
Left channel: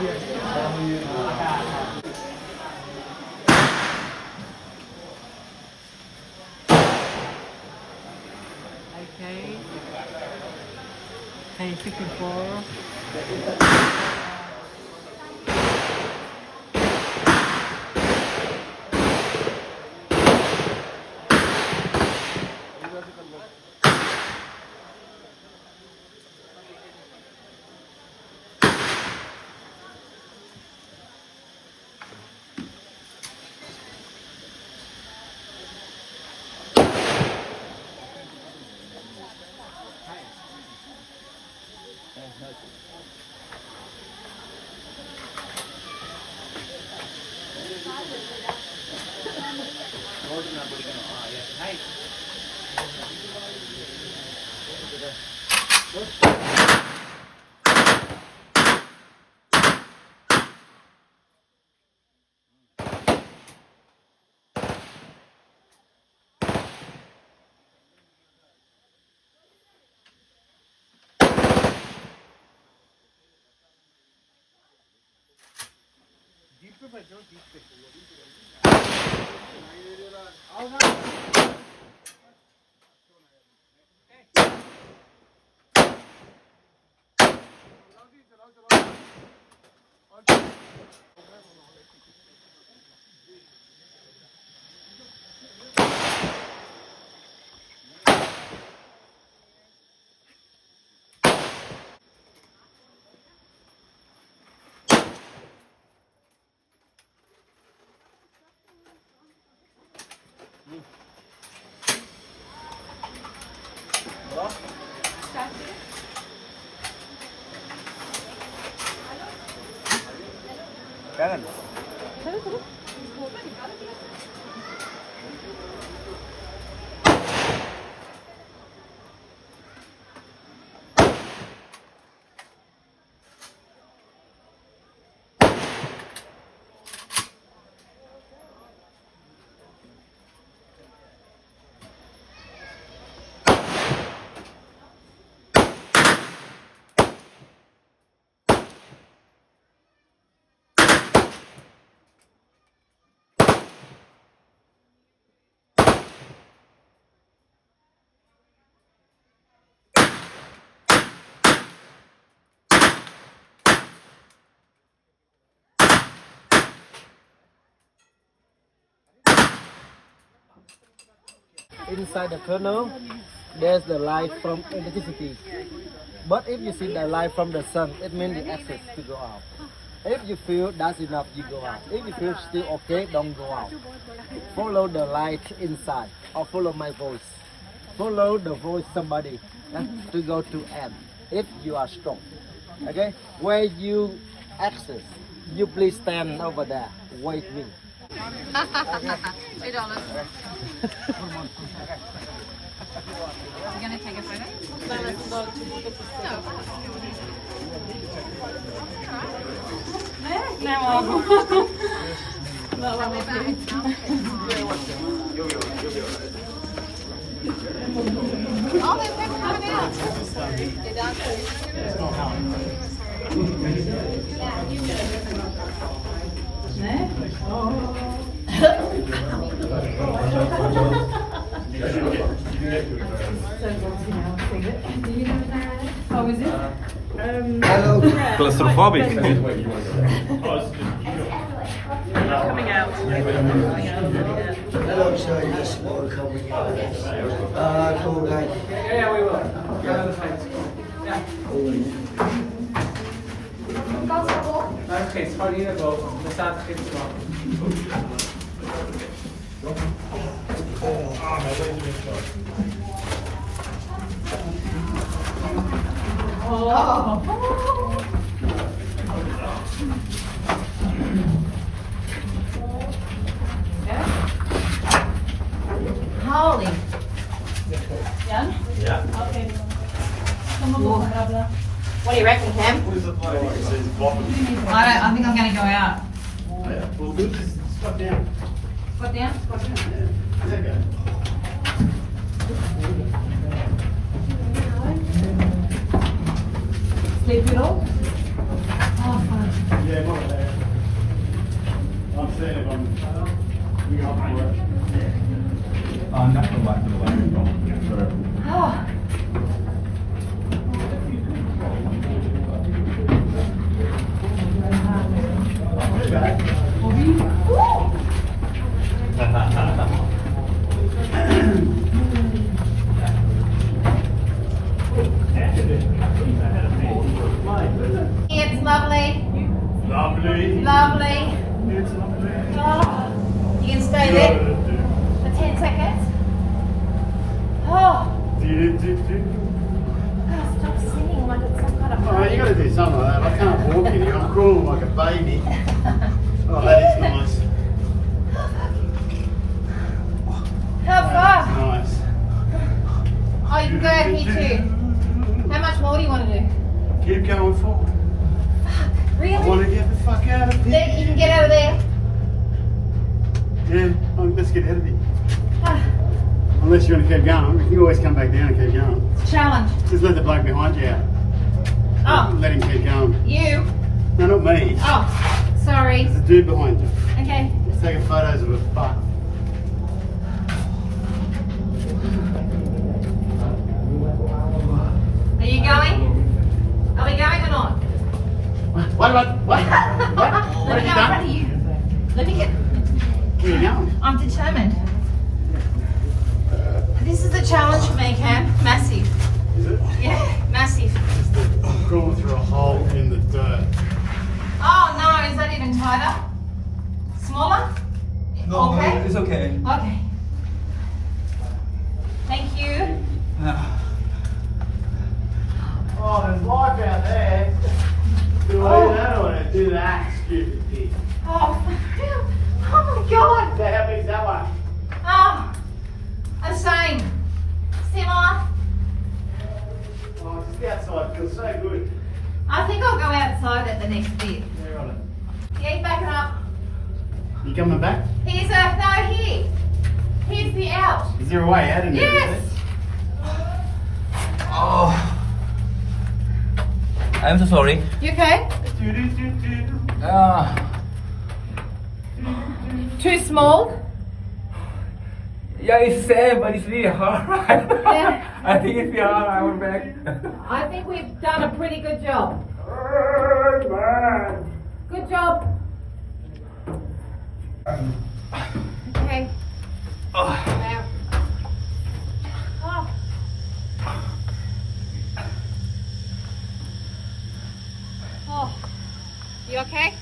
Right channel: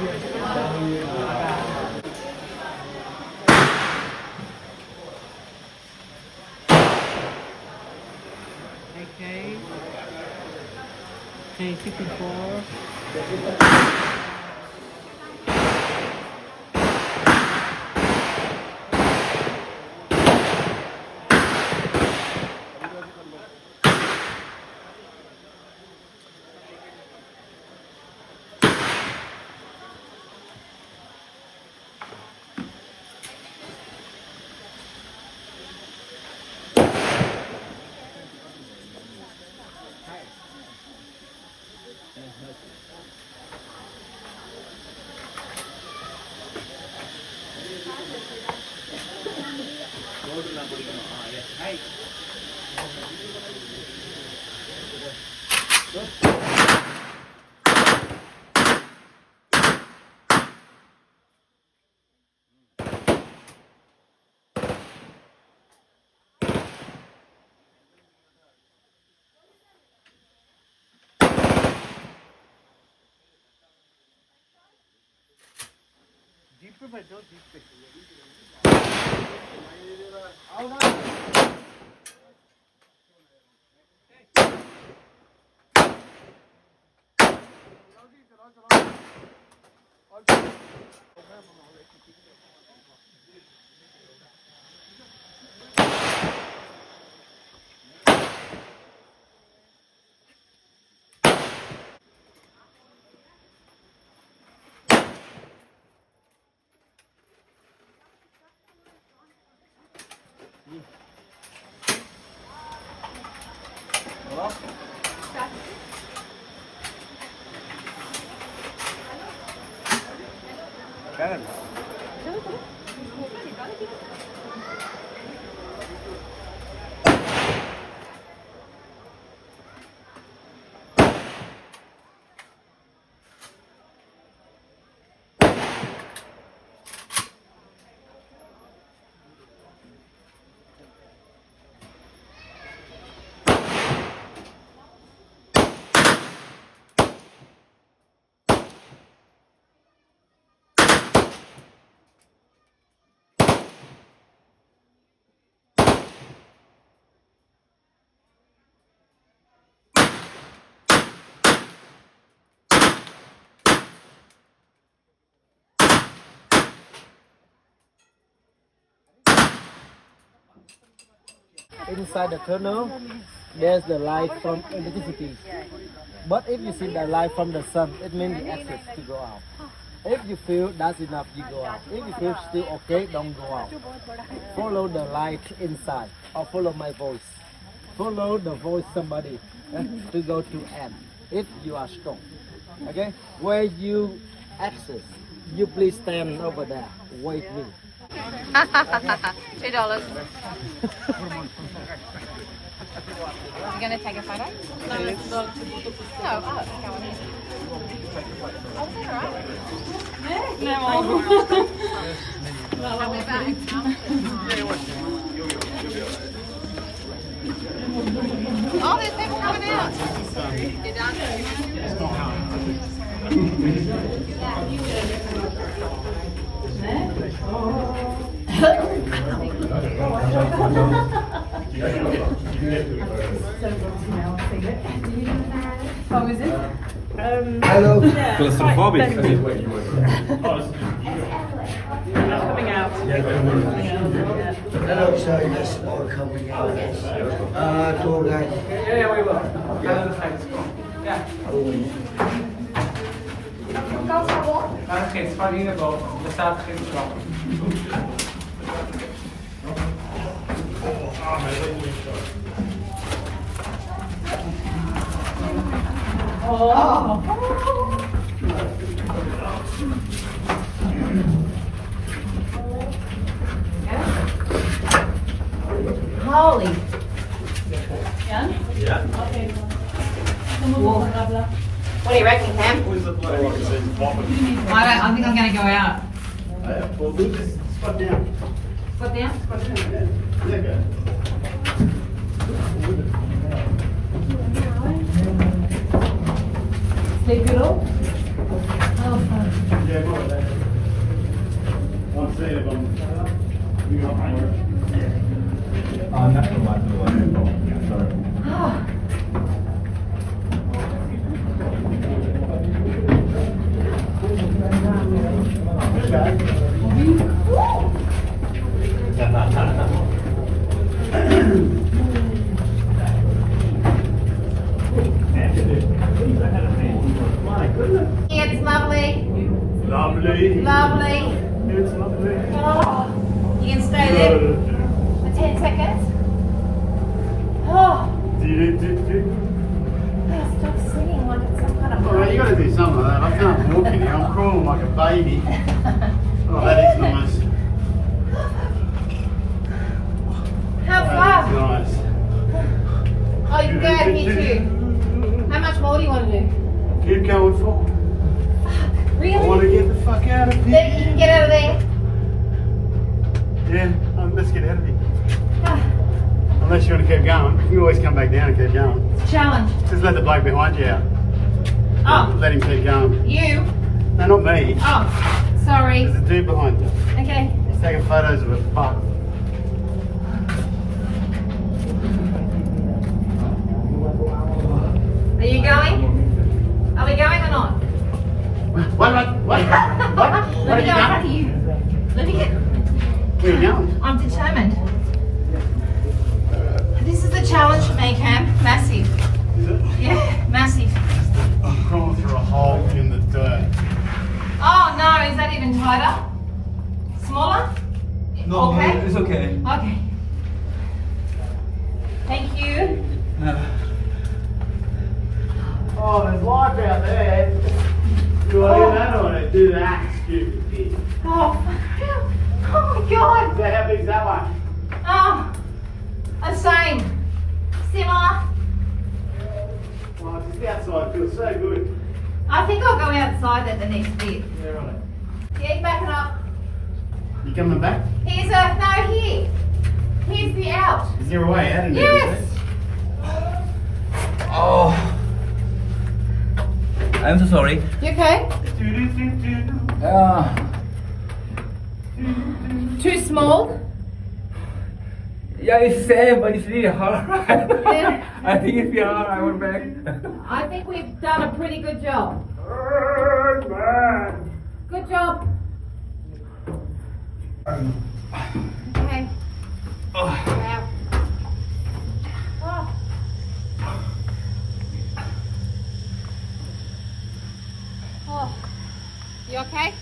get to do it? Okay. Okay, 54. Cannon. inside the tunnel, there's the light from electricity. But if you see the light from the sun, it means the access to go out. If you feel that's enough, you go out. If you feel still okay, don't go out. Follow the light inside or follow my voice. Follow the voice somebody to go to end if you are strong. Okay? Where you access, you please stand over there. Wait me. $2. You gonna take a photo? No, oh, there's people coming out. Get down How is it? Claustrophobic. Coming out. Hello, sir. Yes, all coming out. Tour guide. Okay, it's funny about the South Holly. Yeah? Yeah. Okay. What do you reckon, Cam? Who's the bloke? I think I'm going to go out. Well, good. Squat down. Squat down? There you go. Sleep good all? Oh, fun. Yeah, my bad. I'm seeing if I'm up for it. Nothing like the way. Sorry. Oh. It's lovely. Lovely. Lovely. It's lovely. Oh. You can stay there for 10 seconds. Oh. Stop singing like it's some kind of Alright, you gotta do something like that. I can't walk in here. I'm crawling like a baby. Oh, that is nice. How That far? is nice. Oh, you can go out here too. How much more do you want to do? Keep going for. I Really? want to get the fuck out of here. You can get out of there. Yeah, let's get out of here. Ah, Unless you want to keep going. You can always come back down and keep going. it's a challenge. Just let the bloke behind you out. Oh, Let him keep going. you? No, not me. Oh, sorry. There's a dude behind you. Okay. He's taking photos of a butt. Are you going? Are we going or not? What? What have you done? Let me get. Where are you going? I'm determined. This is the challenge for me, Cam. Massive. Is it? Yeah, massive. I'm crawling through a hole in the dirt. Oh no, is that even tighter? Smaller? No, Okay. it's okay. Okay. Thank you. No. Oh, there's life out there. Do I do that or do that? Stupid kid. Oh, oh my god. How big's that one? Oh, the same. Similar. Oh, just the outside feels so good. I think I'll go outside at the next bit. Yeah, right. Yeah, you back it up. You coming back? Here's here. Here's the out. Is there a way out in there? Yes. Oh. I'm so sorry. You okay? Too small? Yeah, it's same, but it's really hard. I think if you're hard, I will back. I think we've done a pretty good job. Good job. Okay. Out. okay?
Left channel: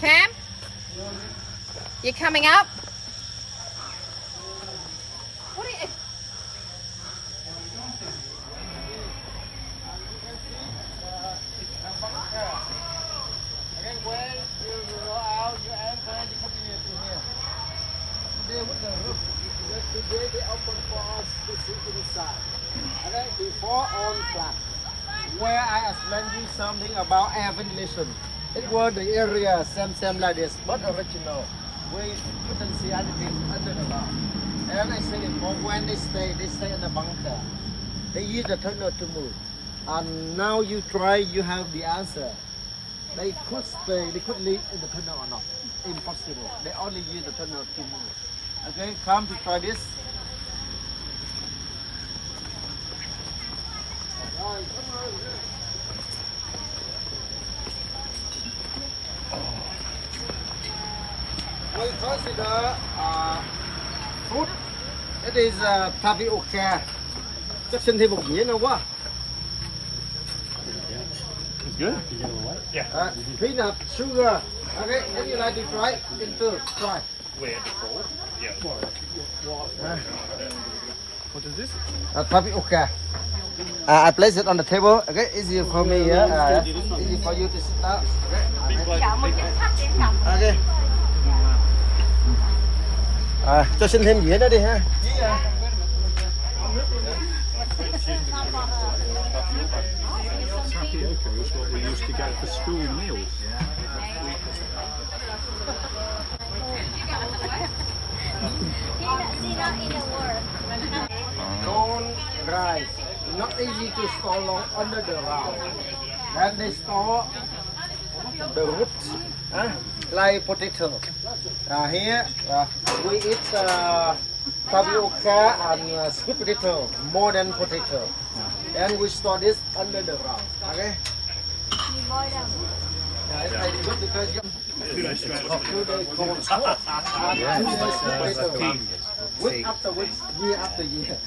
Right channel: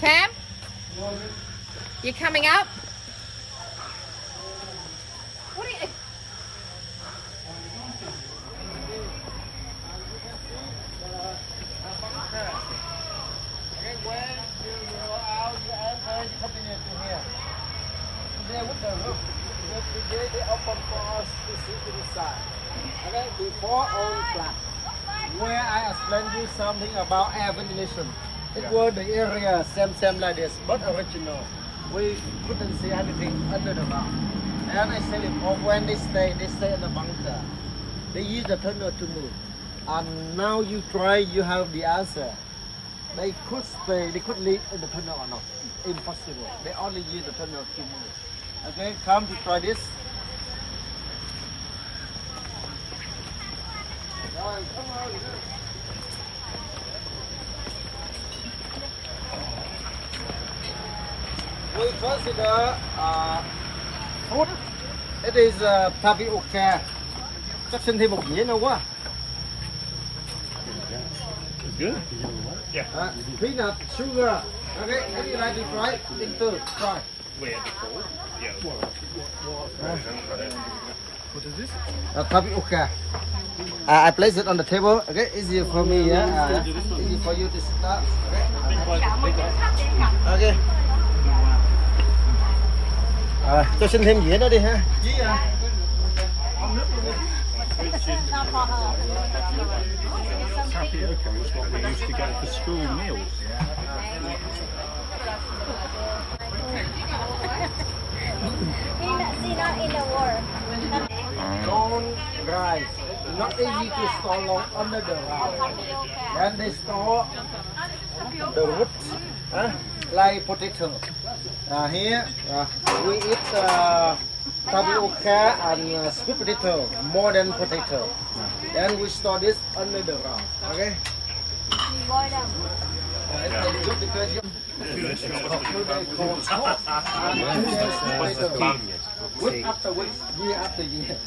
Cam? You coming up? What are you... Again, when you go out, you anchor, you continue to here. Today with the roof. Today they open for us to see to the side. Okay, before on flat. Where I explained you something about air ventilation. It was the area same like this, not original. We couldn't see anything under the ground. And I said it before, when they stay in the bunker. They use the tunnel to move. And now you try, you have the answer. They could stay, they could live in the tunnel or not. Impossible. They only use the tunnel to move. Okay, come to try this. Rồi, come on. We consider food. It is tapioca. Chắc xin thêm một dĩa nữa quá. It's good. Peanut, sugar. Okay, if you like to try it, into try. Where before? Yeah. What is this? Tapioca. I place it on the table. Okay, easier for me. Easy for you to sit down. Big one. Big one. Okay. Cho xin thêm dĩa nữa đi ha. Tapioca is what we used to get for school meals. Corn rice. Not easy to store long under the ground. Then they store the roots, like potato. Here we eat tapioca and sweet potato more than potato. Then we store this under the ground. Okay. Week after week, year after year.